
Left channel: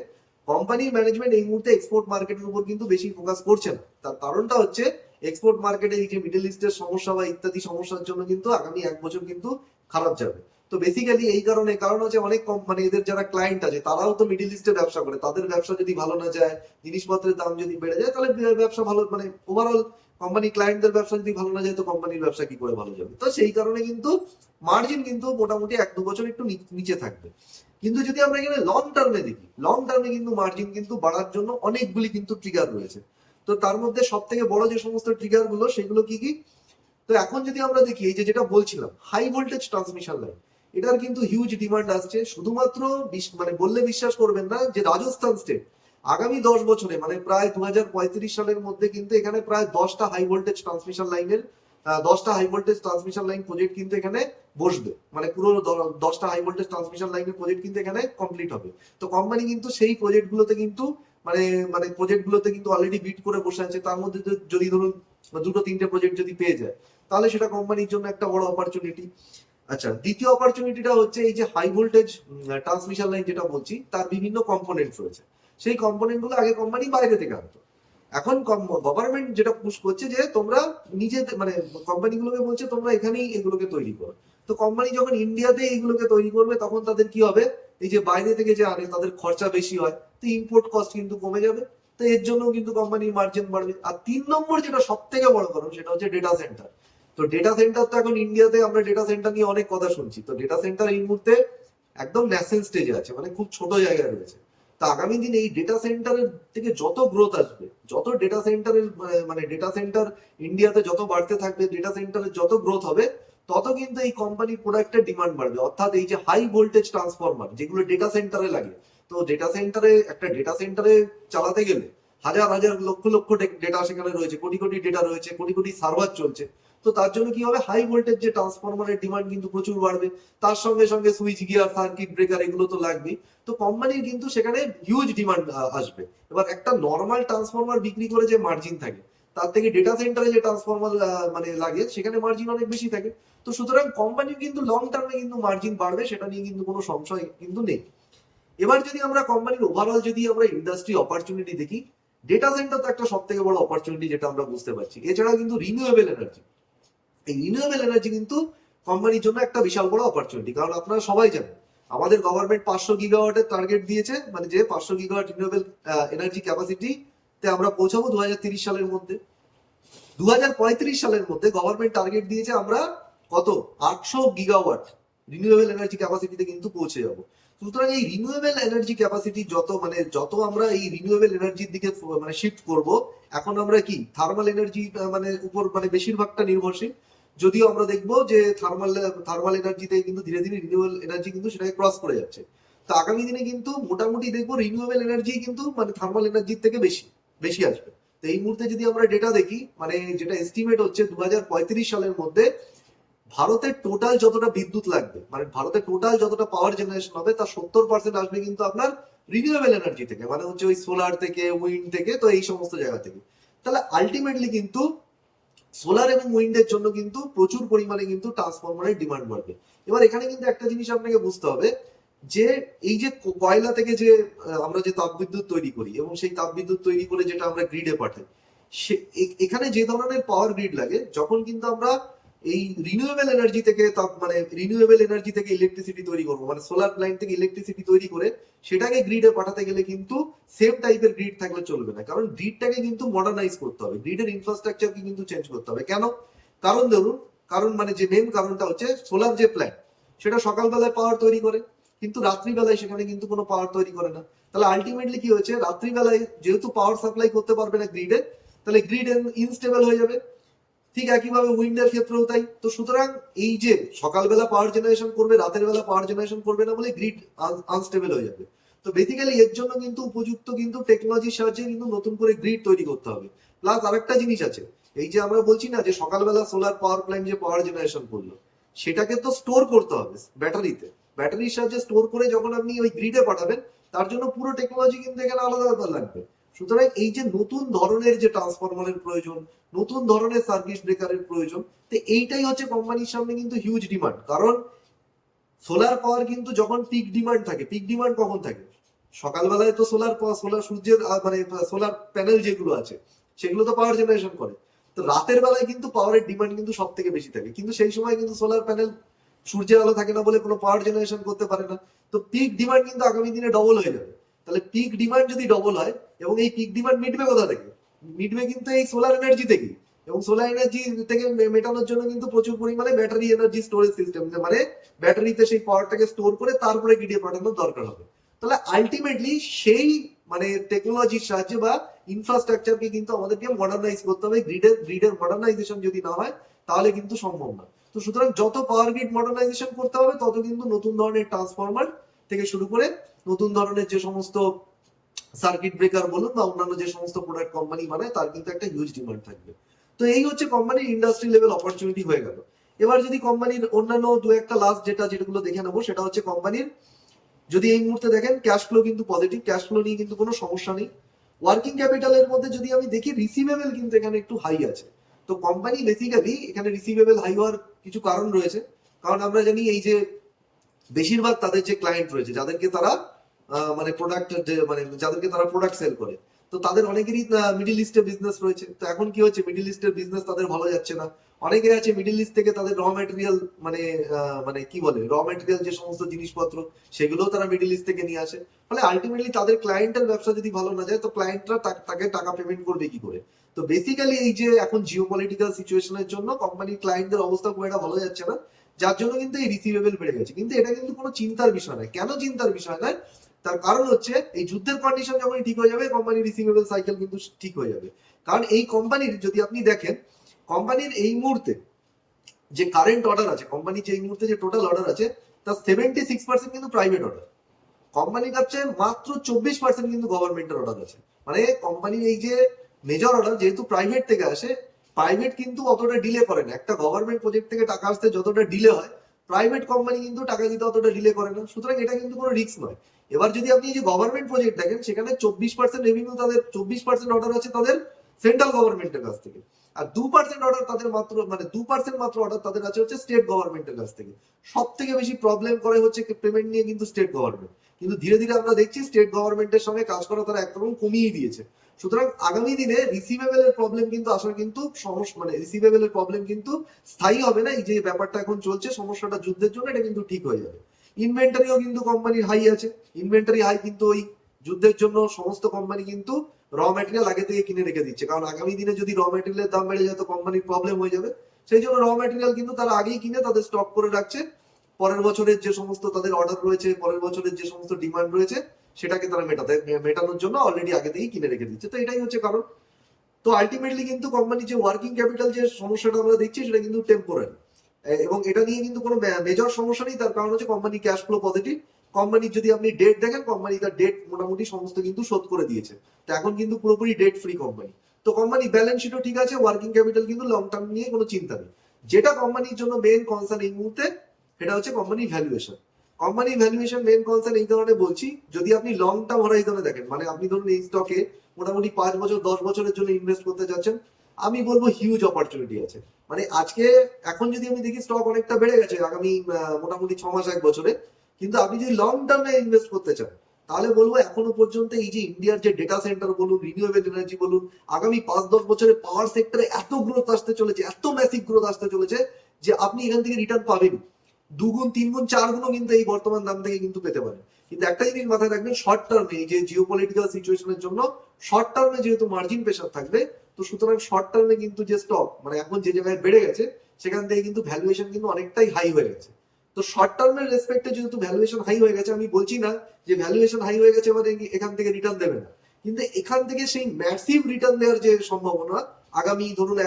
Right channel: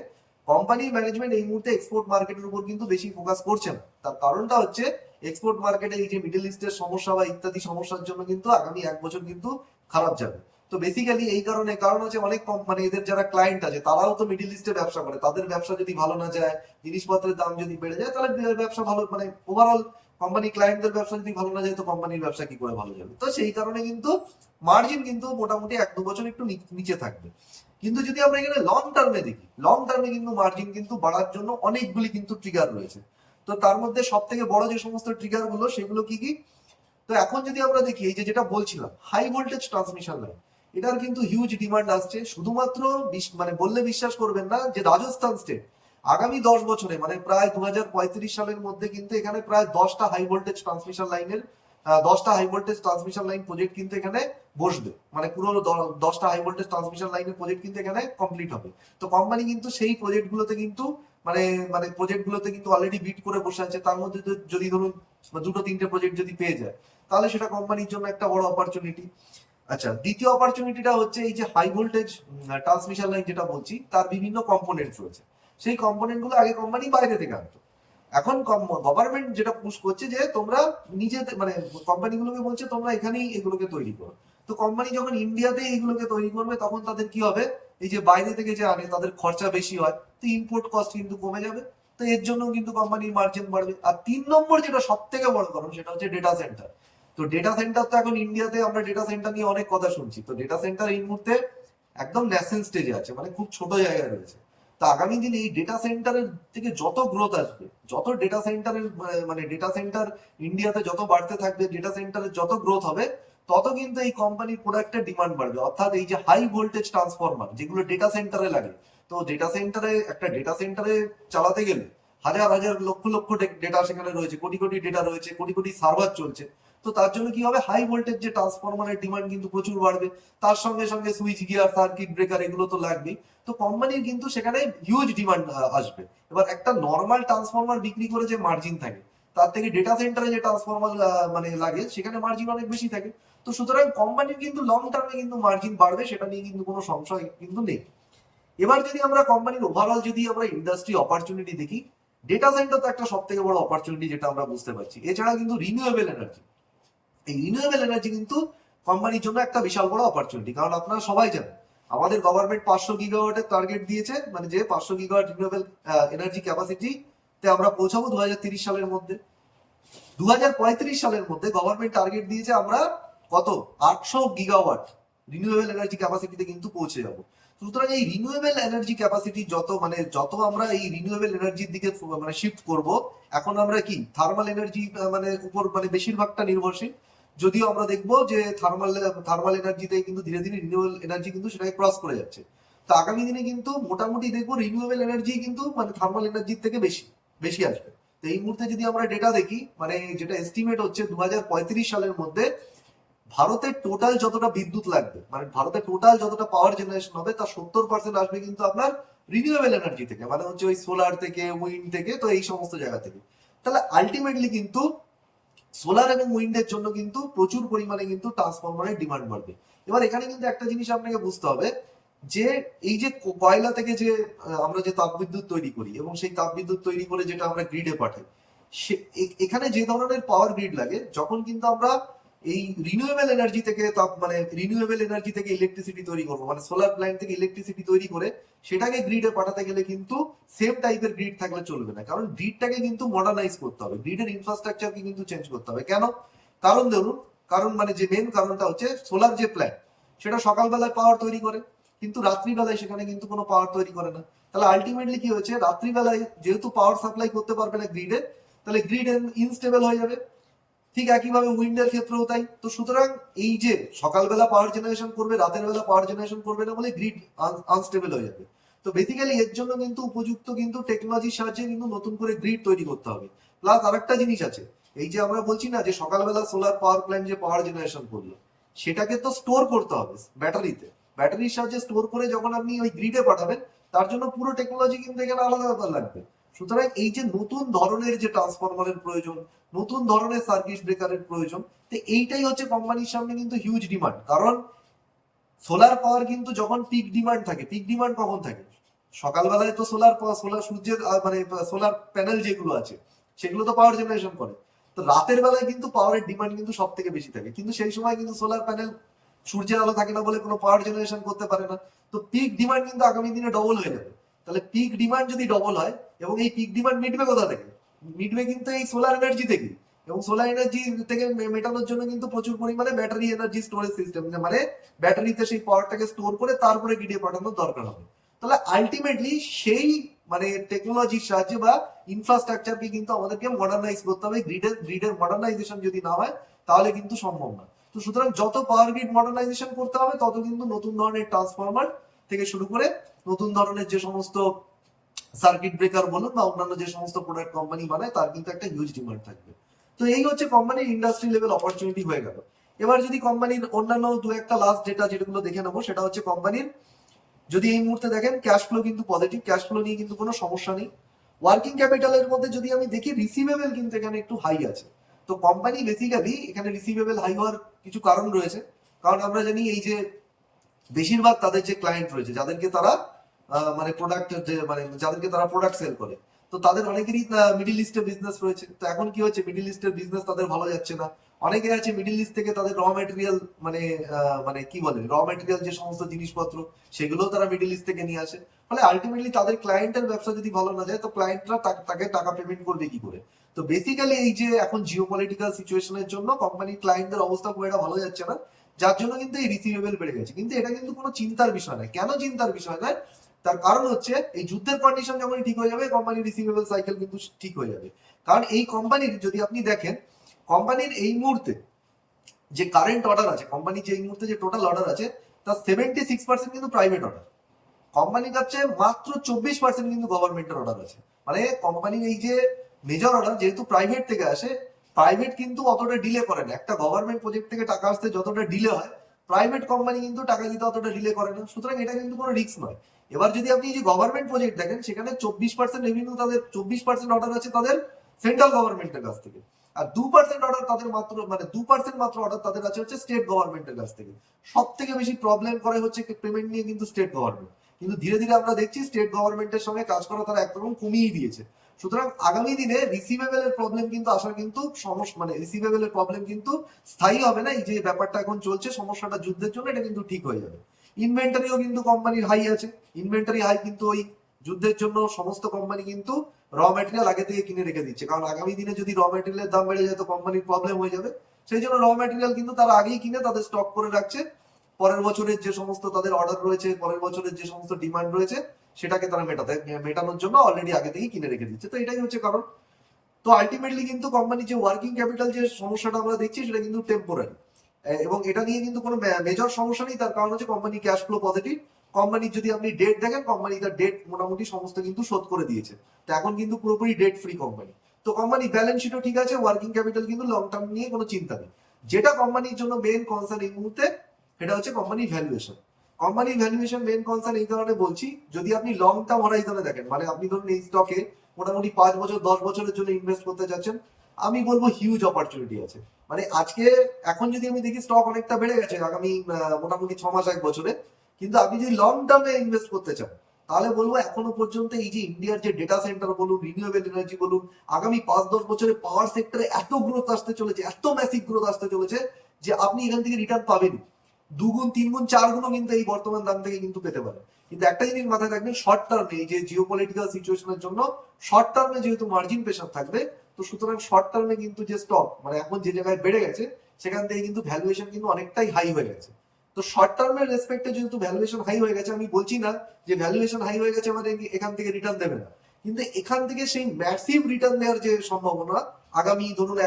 কোম্পানির ম্যানেজমেন্ট এই মুহূর্তে এক্সপোর্ট মার্কেটের উপর কিন্তু বেশি ফোকাস করছে না। তার কারণটা হচ্ছে এক্সপোর্ট মার্কেটে এই যে মিডল ইস্টের সমস্যা বা ইত্যাদি সমস্যার জন্য কিন্তু আগামী 1 বছর কিন্তু খারাপ যাবে। তো বেসিক্যালি এই কারণ হচ্ছে অনেক মানে এদের যারা ক্লায়েন্ট আছে তারাও তো মিডল ইস্টে ব্যবসা করে, তাদের ব্যবসা যদি ভালো না যায়, জিনিসপত্রের দাম যদি বেড়ে যায়, তাহলে ব্যবসা ভালো মানে ওভারঅল কোম্পানি ক্লায়েন্টদের ব্যবসা যদি ভালো না যায়, তো কোম্পানির ব্যবসা কি করে ভালো যাবে? তো সেই কারণে কিন্তু মার্জিন কিন্তু মোটামুটি 1-2 বছর একটু নিচে থাকবে। কিন্তু যদি আমরা এখানে লং টার্মে দেখি, লং টার্মে কিন্তু মার্জিন কিন্তু বাড়ার জন্য অনেকগুলি কিন্তু ট্রিগার রয়েছে। তো তার মধ্যে সব থেকে বড় যে সমস্ত ট্রিগার গুলো সেগুলো কি কি? তো এখন যদি আমরা দেখি এই যে যেটা বলছিলাম হাই ভোল্টেজ ট্রান্সমিশন লাইন, এটার কিন্তু হিউজ ডিমান্ড আসছে। শুধুমাত্র মানে বললে বিশ্বাস করবেন না যে রাজস্থান স্টেট আগামী 10 বছরে মানে প্রায় 2035 সালের মধ্যে কিন্তু এখানে প্রায় 10টা হাই ভোল্টেজ ট্রান্সমিশন লাইনের 10টা high voltage transmission line project কিন্তু এখানে বসবে। মানে পুরো 10টা হাই ভোল্টেজ ট্রান্সমিশন লাইনের প্রজেক্ট কিন্তু এখানে কমপ্লিট হবে। তো কোম্পানি কিন্তু সেই প্রজেক্টগুলোতে কিন্তু মানে মানে প্রজেক্টগুলোতে কিন্তু অলরেডি বিড করে বসে আছে। তার মধ্যে যদি ধরুন 2-3টে প্রজেক্ট যদি পেয়ে যায়, তাহলে সেটা কোম্পানির জন্য একটা বড় অপরচুনিটি। আচ্ছা, দ্বিতীয় অপরচুনিটিটা হচ্ছে এই যে হাই ভোল্টেজ ট্রান্সমিশন লাইন যেটা বলছি, তার বিভিন্ন কম্পোনেন্ট রয়েছে। সেই কম্পোনেন্ট গুলো আগে কোম্পানি বাইরে থেকে আনতো। এখন গভর্নমেন্ট যেটা পুশ করছে যে তোমরা নিজে মানে কোম্পানিগুলোকে বলছে তোমরা এখানেই এগুলোকে তৈরি করো। তো কোম্পানি যখন ইন্ডিয়াতে এইগুলোকে তৈরি করবে, তখন তাদের কি হবে, এই যে বাইরে থেকে যে আনে তাদের খরচা বেশি হয়, তো ইম্পোর্ট কস্ট কিন্তু কমে যাবে। তো এর জন্য কিন্তু কোম্পানির মার্জিন বাড়বে। আর 3 নম্বর যেটা সব থেকে বড় কারণ, সেটা হচ্ছে ডেটা সেন্টার। তো ডেটা সেন্টার তো এখন ইন্ডিয়াতে আমরা ডেটা সেন্টার নিয়ে অনেক কথা শুনছি। তো ডেটা সেন্টার এই মুহূর্তে একদম ন্যাসেন্ট স্টেজে আছে, মানে খুব ছোট জায়গায় রয়েছে। তো আগামী দিনে এই ডেটা সেন্টারের থেকে যত গ্রোথ আসবে, যত ডেটা সেন্টারের মানে ডেটা সেন্টার ইন্ডিয়াতে যত বাড়তে থাকবে, ডেটা সেন্টারের যত গ্রোথ হবে, তত কিন্তু এই কোম্পানির প্রোডাক্টের ডিমান্ড বাড়বে। অর্থাৎ এই যে হাই ভোল্টেজ ট্রান্সফরমার যেগুলো ডেটা সেন্টারে লাগে, তো ডেটা সেন্টারে চালাতে গেলে হাজার হাজার লক্ষ লক্ষ ডেটা সেখানে রয়েছে, কোটি কোটি ডেটা রয়েছে, কোটি কোটি সার্ভার চলছে। তো তার জন্য কি হবে, হাই ভোল্টেজ যে ট্রান্সফরমারের ডিমান্ড কিন্তু প্রচুর বাড়বে। তার সঙ্গে সঙ্গে সুইচ গিয়ার, সার্কিট ব্রেকার, এগুলো তো লাগবেই। তো কোম্পানির কিন্তু সেখানে হিউজ ডিমান্ড আসবে। এবার একটা নর্মাল ট্রান্সফরমার বিক্রি করে যে মার্জিন থাকে, তার থেকে ডেটা সেন্টারে যে ট্রান্সফরমার মানে লাগে, সেখানে মার্জিন অনেক বেশি থাকে। তো সুতরাং কোম্পানির কিন্তু লং টার্মে কিন্তু মার্জিন বাড়বে, সেটা নিয়ে কিন্তু কোনো সংশয় কিন্তু নেই। এবার যদি আমরা কোম্পানির ওভারঅল যদি আমরা ইন্ডাস্ট্রি অপরচুনিটি দেখি, ডেটা সেন্টার তো একটা সব থেকে বড় অপরচুনিটি যেটা আমরা বুঝতে পারছি। এছাড়া কিন্তু রিনিউয়েবল এনার্জি, এই রিনিউয়েবল এনার্জি কিন্তু কোম্পানির জন্য একটা বিশাল বড় অপরচুনিটি। কারণ আপনারা সবাই জানেন আমাদের গভর্নমেন্ট 500 গিগাওয়াটের টার্গেট দিয়েছে, মানে যে 500 গিগাওয়াট রিনিউয়েবল এনার্জি ক্যাপাসিটি তে আমরা পৌঁছাবো 2030 সালের মধ্যে। 2035 সালের মধ্যে গভর্নমেন্ট টার্গেট দিয়েছে আমরা কত, 800 গিগাওয়াট রিনিউয়েবল এনার্জি ক্যাপাসিটিতে কিন্তু পৌঁছে যাব। সুতরাং এই রিনিউয়েবল এনার্জি ক্যাপাসিটি যত আমরা এই রিনিউয়েবল এনার্জির দিকে মানে শিফট করব, এখন আমরা কি থার্মাল এনার্জি মানে উপর মানে বেশিরভাগটা নির্ভরশীল। যদিও আমরা দেখবো যে থার্মাল এনার্জিতে কিন্তু ধীরে ধীরে রিনিউয়েবল এনার্জি কিন্তু সেটাকে ক্রস করে যাচ্ছে। তো আগামী দিনে কিন্তু মোটামুটি দেখবো রিনিউয়েবল এনার্জি কিন্তু মানে থার্মাল এনার্জির থেকে বেশি বেশি আসবে। তো এই মুহূর্তে যদি আমরা ডেটা দেখি, মানে যেটা এস্টিমেট হচ্ছে 2035 সালের মধ্যে ভারতের টোটাল যতটা বিদ্যুৎ লাগবে, মানে ভারতের টোটাল যতটা পাওয়ার জেনারেশন হবে, তার 70% আসবে কিন্তু আপনার রিনিউয়েবল এনার্জি থেকে, মানে হচ্ছে ওই সোলার থেকে, উইন্ড থেকে, তো এই সমস্ত জায়গা থেকে। তাহলে আলটিমেটলি কিন্তু সোলার এবং উইন্ডের জন্য কিন্তু প্রচুর পরিমাণে কিন্তু ট্রান্সফরমারের ডিমান্ড বাড়বে। এবার এখানে কিন্তু একটা জিনিস আপনাকে বুঝতে হবে যে এই যে কয়লা থেকে যে আমরা যে তাপবিদ্যুৎ তৈরি করি এবং সেই তাপবিদ্যুৎ তৈরি করে যেটা আমরা গ্রিডে পাঠাই, সে এখানে যে ধরনের পাওয়ার গ্রিড লাগে, যখন কিন্তু আমরা এই রিনিউয়েবল এনার্জি থেকে মানে রিনিউয়েবল এনার্জি থেকে ইলেকট্রিসিটি তৈরি করবো, মানে সোলার প্ল্যান্ট থেকে ইলেকট্রিসিটি তৈরি করে সেটাকে গ্রিডে পাঠাতে গেলে কিন্তু সেম টাইপের গ্রিড থাকলে চলবে না, কারণ গ্রিডটাকে কিন্তু মডার্নাইজ করতে হবে, গ্রিডের ইনফ্রাস্ট্রাকচারকে কিন্তু চেঞ্জ করতে হবে। কেন? কারণ ধরুন, কারণ মানে যে মেন কারণটা হচ্ছে সোলার যে প্ল্যান্ট সেটা সকালবেলায় পাওয়ার তৈরি করে, কিন্তু রাত্রিবেলায় সেখানে কিন্তু কোনো পাওয়ার তৈরি করে না। তাহলে আলটিমেটলি কি হচ্ছে, রাত্রিবেলায় যেহেতু পাওয়ার সাপ্লাই করতে পারবে না গ্রিডে, তাহলে গ্রিড ইনস্টেবল হয়ে যাবে। ঠিক একইভাবে উইন্ডের ক্ষেত্রেও তাই। তো সুতরাং এই যে সকালবেলা পাওয়ার জেনারেশন করবে, রাতের বেলা পাওয়ার জেনারেশন করবে না বলে গ্রিড আনস্টেবল হয়ে যাবে। তো বেসিক্যালি এর জন্য কিন্তু উপযুক্ত কিন্তু টেকনোলজির সাহায্যে কিন্তু নতুন করে গ্রিড তৈরি করতে হবে। প্লাস আরেকটা জিনিস আছে, এই যে আমরা বলছি না যে সকালবেলা সোলার পাওয়ার প্ল্যান্ট যে পাওয়ার জেনারেশন করলো, সেটাকে তো স্টোর করতে হবে ব্যাটারিতে। ব্যাটারির সাহায্যে স্টোর করে যখন আপনি ওই গ্রিডে পাঠাবেন, তার জন্য পুরো টেকনোলজি কিন্তু এখানে আলাদা আলাদা লাগবে। সুতরাং এই যে নতুন ধরনের যে ট্রান্সফরমারের প্রয়োজন, নতুন ধরনের সার্কিট ব্রেকারের প্রয়োজন, তো এইটাই হচ্ছে কোম্পানির সামনে কিন্তু হিউজ ডিমান্ড। কারণ সোলার পাওয়ার কিন্তু যখন পিক ডিমান্ড থাকে, পিক ডিমান্ড কখন থাকে? সকালবেলায় তো সোলার সূর্যের মানে সোলার প্যানেল যেগুলো আছে সেগুলো তো পাওয়ার জেনারেশন করে। তো রাতের বেলায় কিন্তু পাওয়ারের ডিমান্ড কিন্তু সব থেকে বেশি থাকে, কিন্তু সেই সময় কিন্তু সোলার প্যানেল সূর্যের আলো থাকে না বলে কোনো পাওয়ার জেনারেশন করতে পারে না। তো পিক ডিমান্ড কিন্তু আগামী দিনে ডবল হয়ে যাবে। তাহলে পিক ডিমান্ড যদি ডবল হয়, এবং এই পিক ডিমান্ড মিটবে কোথা থেকে? মিটবে কিন্তু এই সোলার এনার্জি থেকে। এবং সোলার এনার্জি থেকে মেটানোর জন্য কিন্তু প্রচুর পরিমাণে ব্যাটারি এনার্জি স্টোরেজ সিস্টেম, মানে ব্যাটারিতে সেই পাওয়ারটাকে স্টোর করে তারপরে গ্রিডে পাঠানোর দরকার হবে। তাহলে আলটিমেটলি সেই মানে টেকনোলজির সাহায্যে বা ইনফ্রাস্ট্রাকচারকে কিন্তু আমাদেরকে মডার্নাইজ করতে হবে। গ্রিডের মডার্নাইজেশন যদি না হয় তাহলে কিন্তু সম্ভব না। তো সুতরাং যত পাওয়ার গ্রিড মডার্নাইজেশন করতে হবে, তত কিন্তু নতুন ধরনের ট্রান্সফরমার থেকে শুরু করে নতুন ধরনের যে সমস্ত সার্কিট ব্রেকার বলুন বা অন্যান্য যে সমস্ত প্রোডাক্ট কোম্পানি বানায়, তার কিন্তু একটা হিউজ ডিমান্ড থাকবে। তো এই হচ্ছে কোম্পানির ইন্ডাস্ট্রি লেভেল অপরচুনিটি হয়ে গেল। এবার যদি কোম্পানির অন্যান্য দু একটা লাস্ট যেগুলো দেখে নেবো, সেটা হচ্ছে কোম্পানির যদি এই মুহূর্তে দেখেন ক্যাশ ফ্লো কিন্তু পজিটিভ, ক্যাশ ফ্লো নিয়ে কিন্তু কোনো সমস্যা নেই। ওয়ার্কিং ক্যাপিটালের মধ্যে যদি আমি দেখি, রিসিভেবল কিন্তু এখানে একটু হাই আছে। তো কোম্পানি বেসিক্যালি এখানে রিসিভেবল হাই হওয়ার কিছু কারণ রয়েছে। কারণ আমরা জানি এই যে বেশিরভাগ তাদের যে ক্লায়েন্ট রয়েছে, যাদেরকে তারা মানে প্রোডাক্ট, মানে যাদেরকে তারা প্রোডাক্ট সেল করে, তো তাদের অনেকেরই মিডিল ইস্টে বিজনেস রয়েছে। তো এখন কি হচ্ছে, মিডিল ইস্টের বিজনেস তাদের ভালো যাচ্ছে না। অনেকে আছে মিডিল ইস্ট থেকে তাদের র ম্যাটেরিয়াল মানে মানে কি বলে, র ম্যাটেরিয়াল যে সমস্ত জিনিসপত্র সেগুলোও তারা মিডিল ইস্ট থেকে নিয়ে আসে। ফলে আলটিমেটলি তাদের ক্লায়েন্টের ব্যবসা যদি ভালো না যায়, তো ক্লায়েন্টরা তাকে টাকা পেমেন্ট করবে কি করে? তো বেসিক্যালি এই যে এখন জিওপলিটিক্যাল সিচুয়েশনের জন্য কোম্পানির ক্লায়েন্টদের অবস্থা খুব একটা ভালো যাচ্ছে না, যার জন্য কিন্তু এই রিসিভেবল বেড়ে গেছে। কিন্তু এটা কিন্তু কোনো চিন্তার বিষয় নয়। কেন চিন্তার বিষয় নয়? তার কারণ হচ্ছে এই যুদ্ধের কন্ডিশন যখনই ঠিক হয়ে যাবে, কোম্পানির রিসিভেবল সাইকেল কিন্তু ঠিক হয়ে যাবে। কারণ এই কোম্পানির যদি আপনি দেখেন, কোম্পানির এই মুহূর্তে যে কারেন্ট অর্ডার আছে, কোম্পানির যে এই মুহূর্তে যে টোটাল অর্ডার আছে, তার 76% কিন্তু প্রাইভেট অর্ডার। কোম্পানির কাছে মাত্র 24% কিন্তু গভর্নমেন্টের অর্ডার আছে। মানে কোম্পানির এই যে মেজর অর্ডার যেহেতু প্রাইভেট থেকে আসে, প্রাইভেট কিন্তু অতটা ডিলে করে না। একটা গভর্নমেন্ট প্রজেক্ট থেকে টাকা আসতে যতটা ডিলে হয়, প্রাইভেট কোম্পানি কিন্তু টাকা দিতে অতটা ডিলে করে না। সুতরাং এটা কিন্তু কোনো রিস্ক নয়। এবার যদি আপনি যে গভর্নমেন্ট প্রজেক্ট দেখেন, সেখানে 24% রেভিনিউ, তাদের 24% অর্ডার আছে তাদের সেন্ট্রাল গভর্নমেন্টের কাছ থেকে। আর 2% অর্ডার তাদের মাত্র, মানে 2% মাত্র অর্ডার তাদের আছে হচ্ছে স্টেট গভর্নমেন্টের কাছ থেকে। সব থেকে বেশি প্রবলেম করে হচ্ছে পেমেন্ট নিয়ে কিন্তু স্টেট গভর্নমেন্ট। কিন্তু ধীরে ধীরে আমরা দেখছি স্টেট গভর্নমেন্টের সঙ্গে কাজ করা তারা একরকম কমিয়ে দিয়েছে। সুতরাং আগামী দিনে রিসিভেবলের প্রবলেম কিন্তু আসার কিন্তু সমস্যা, মানে রিসিভেবলের প্রবলেম কিন্তু স্থায়ী হবে না। এই যে ব্যাপারটা এখন চলছে সমস্যাটা যুদ্ধের জন্য, এটা কিন্তু ঠিক হয়ে যাবে। ইনভেন্টারিও কিন্তু কোম্পানির হাই আছে। ইনভেন্টারি হাই কিন্তু ওই যুদ্ধের জন্য সমস্ত কোম্পানি কিন্তু র ম্যাটেরিয়াল আগে থেকে কিনে রেখে দিচ্ছে। কারণ আগামী দিনে যদি র ম্যাটেরিয়ালের দাম বেড়ে যায়, তো কোম্পানির প্রবলেম হয়ে যাবে। সেই জন্য র ম্যাটেরিয়াল কিন্তু তারা আগেই কিনে তাদের স্টক করে রাখছে। পরের বছরের যে সমস্ত তাদের অর্ডার রয়েছে, পরের বছরের যে সমস্ত ডিমান্ড রয়েছে, সেটাকে তারা মেটানোর জন্য অলরেডি আগে থেকেই কিনে রেখে দিচ্ছে। তো এটাই হচ্ছে কারণ। তো আলটিমেটলি কিন্তু কোম্পানি যে ওয়ার্কিং ক্যাপিটাল যে সমস্যাটা আমরা দেখছি, সেটা কিন্তু টেম্পোরারি, এবং এটা নিয়ে কিন্তু কোনো মেজর সমস্যা নেই। তার কারণ হচ্ছে কোম্পানি ক্যাশ ফ্লো পজিটিভ। কোম্পানির যদি আপনি ডেট দেখেন, কোম্পানি তার ডেট মোটামুটি সমস্ত কিন্তু শোধ করে দিয়েছে। তো এখন কিন্তু পুরোপুরি ডেট ফ্রি কোম্পানি। তো কোম্পানি ব্যালেন্স শিটও ঠিক আছে, ওয়ার্কিং ক্যাপিটাল কিন্তু লং টার্ম নিয়ে কোনো চিন্তা নেই। যেটা কোম্পানির জন্য মেন কনসার্ন এই মুহূর্তে, সেটা হচ্ছে কোম্পানির ভ্যালুয়েশন। কোম্পানির ভ্যালুয়েশন মেন কনসার্ন এই কারণে বলছি, যদি আপনি লং টার্ম হরাইজনে দেখেন, মানে আপনি ধরুন এই স্টকে মোটামুটি 5 বছর 10 বছরের জন্য ইনভেস্ট করতে চাচ্ছেন, আমি বলবো হিউজ অপরচুনিটি আছে। মানে আজকে এখন যদি আমি দেখি স্টক অনেকটা বেড়ে গেছে আগামী মোটামুটি 6 মাস 1 বছরে, কিন্তু আপনি যদি লং টার্মে ইনভেস্ট করতে চান তাহলে বলবো এখনো পর্যন্ত এই যে ইন্ডিয়ার যে ডেটা সেন্টার বলুন, রিনিউয়েবল এনার্জি বলুন, আগামী 5-10 বছরে পাওয়ার সেক্টরে এত গ্রোথ আসতে চলেছে, এত ম্যাসিভ গ্রোথ আসতে চলেছে যে আপনি এখান থেকে রিটার্ন পাবেনই। 2 গুণ 3 গুণ 4 গুণও কিন্তু এই বর্তমান দাম থেকে কিন্তু পেতে পারেন। কিন্তু একটা জিনিস মাথায় রাখবেন, শর্ট টার্মে এই যে জিওপলিটিক্যাল সিচুয়েশনের জন্য শর্ট টার্মে যেহেতু মার্জিন প্রেশার থাকবে, তো সুতরাং শর্ট টার্মে কিন্তু যে স্টক মানে এখন যে জায়গায় বেড়ে গেছে সেখান থেকে কিন্তু ভ্যালুয়েশন কিন্তু অনেকটাই হাই হয়ে গেছে। তো শর্ট টার্মের রেসপেক্টে যেহেতু ভ্যালুয়েশন হাই হয়ে গেছে, আমি বলছি না যে ভ্যালুয়েশন হাই হয়ে গেছে মানে এখান থেকে রিটার্ন দেবে না, কিন্তু এখান থেকে সেই ম্যাসিভ রিটার্ন দেওয়ার যে সম্ভাবনা আগামী ধরুন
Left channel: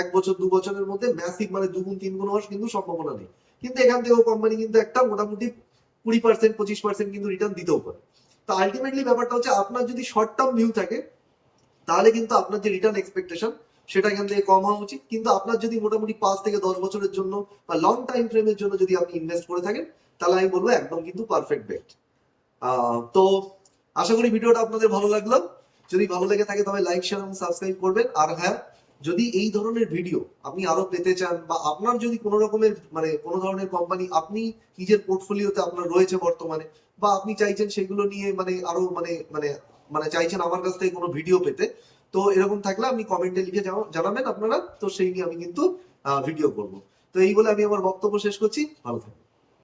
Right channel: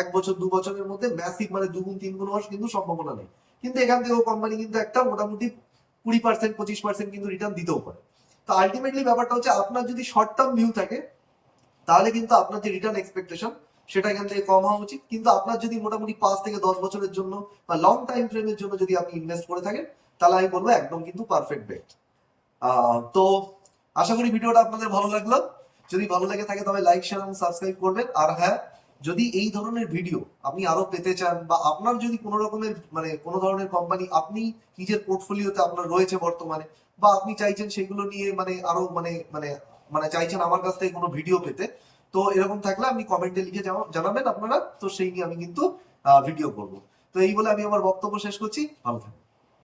এক বছর 2 বছরের মধ্যে ম্যাসিভ মানে 2 গুণ 3 গুণ হওয়ার কিন্তু সম্ভাবনা নেই। কিন্তু এখান থেকেও কোম্পানি কিন্তু একটা মোটামুটি 20% 25% কিন্তু রিটার্ন দিতেও পারে। তো আলটিমেটলি ব্যাপারটা হচ্ছে আপনার যদি শর্ট টার্ম ভিউ থাকে তাহলে কিন্তু আপনার যে রিটার্ন এক্সপেকটেশন সেটা এখান থেকে কম হওয়া উচিত। কিন্তু আপনার যদি মোটামুটি 5 থেকে 10 বছরের জন্য বা লং টাইম ফ্রেমের জন্য যদি আপনি ইনভেস্ট করে থাকেন তাহলে আমি বলবো একদম কিন্তু পারফেক্ট বেট। তো আশা করি ভিডিওটা আপনাদের ভালো লাগলো। যদি ভালো লেগে থাকে তবে লাইক, শেয়ার এবং সাবস্ক্রাইব করবেন। আর হ্যাঁ, যদি এই ধরনের ভিডিও আপনি আরো পেতে চান বা আপনার যদি কোনো রকমের মানে কোনো ধরনের কোম্পানি আপনি নিজের পোর্টফোলিওতে আপনার রয়েছে বর্তমানে, বা আপনি চাইছেন সেগুলো নিয়ে মানে আরো মানে মানে মানে চাইছেন আমার কাছ থেকে কোনো ভিডিও পেতে, তো এরকম থাকলে আপনি কমেন্টে লিখে জানাবেন আপনারা, তো সেই নিয়ে আমি কিন্তু ভিডিও করবো। তো এই বলে আমি আমার বক্তব্য শেষ করছি। ভালো থাকবেন।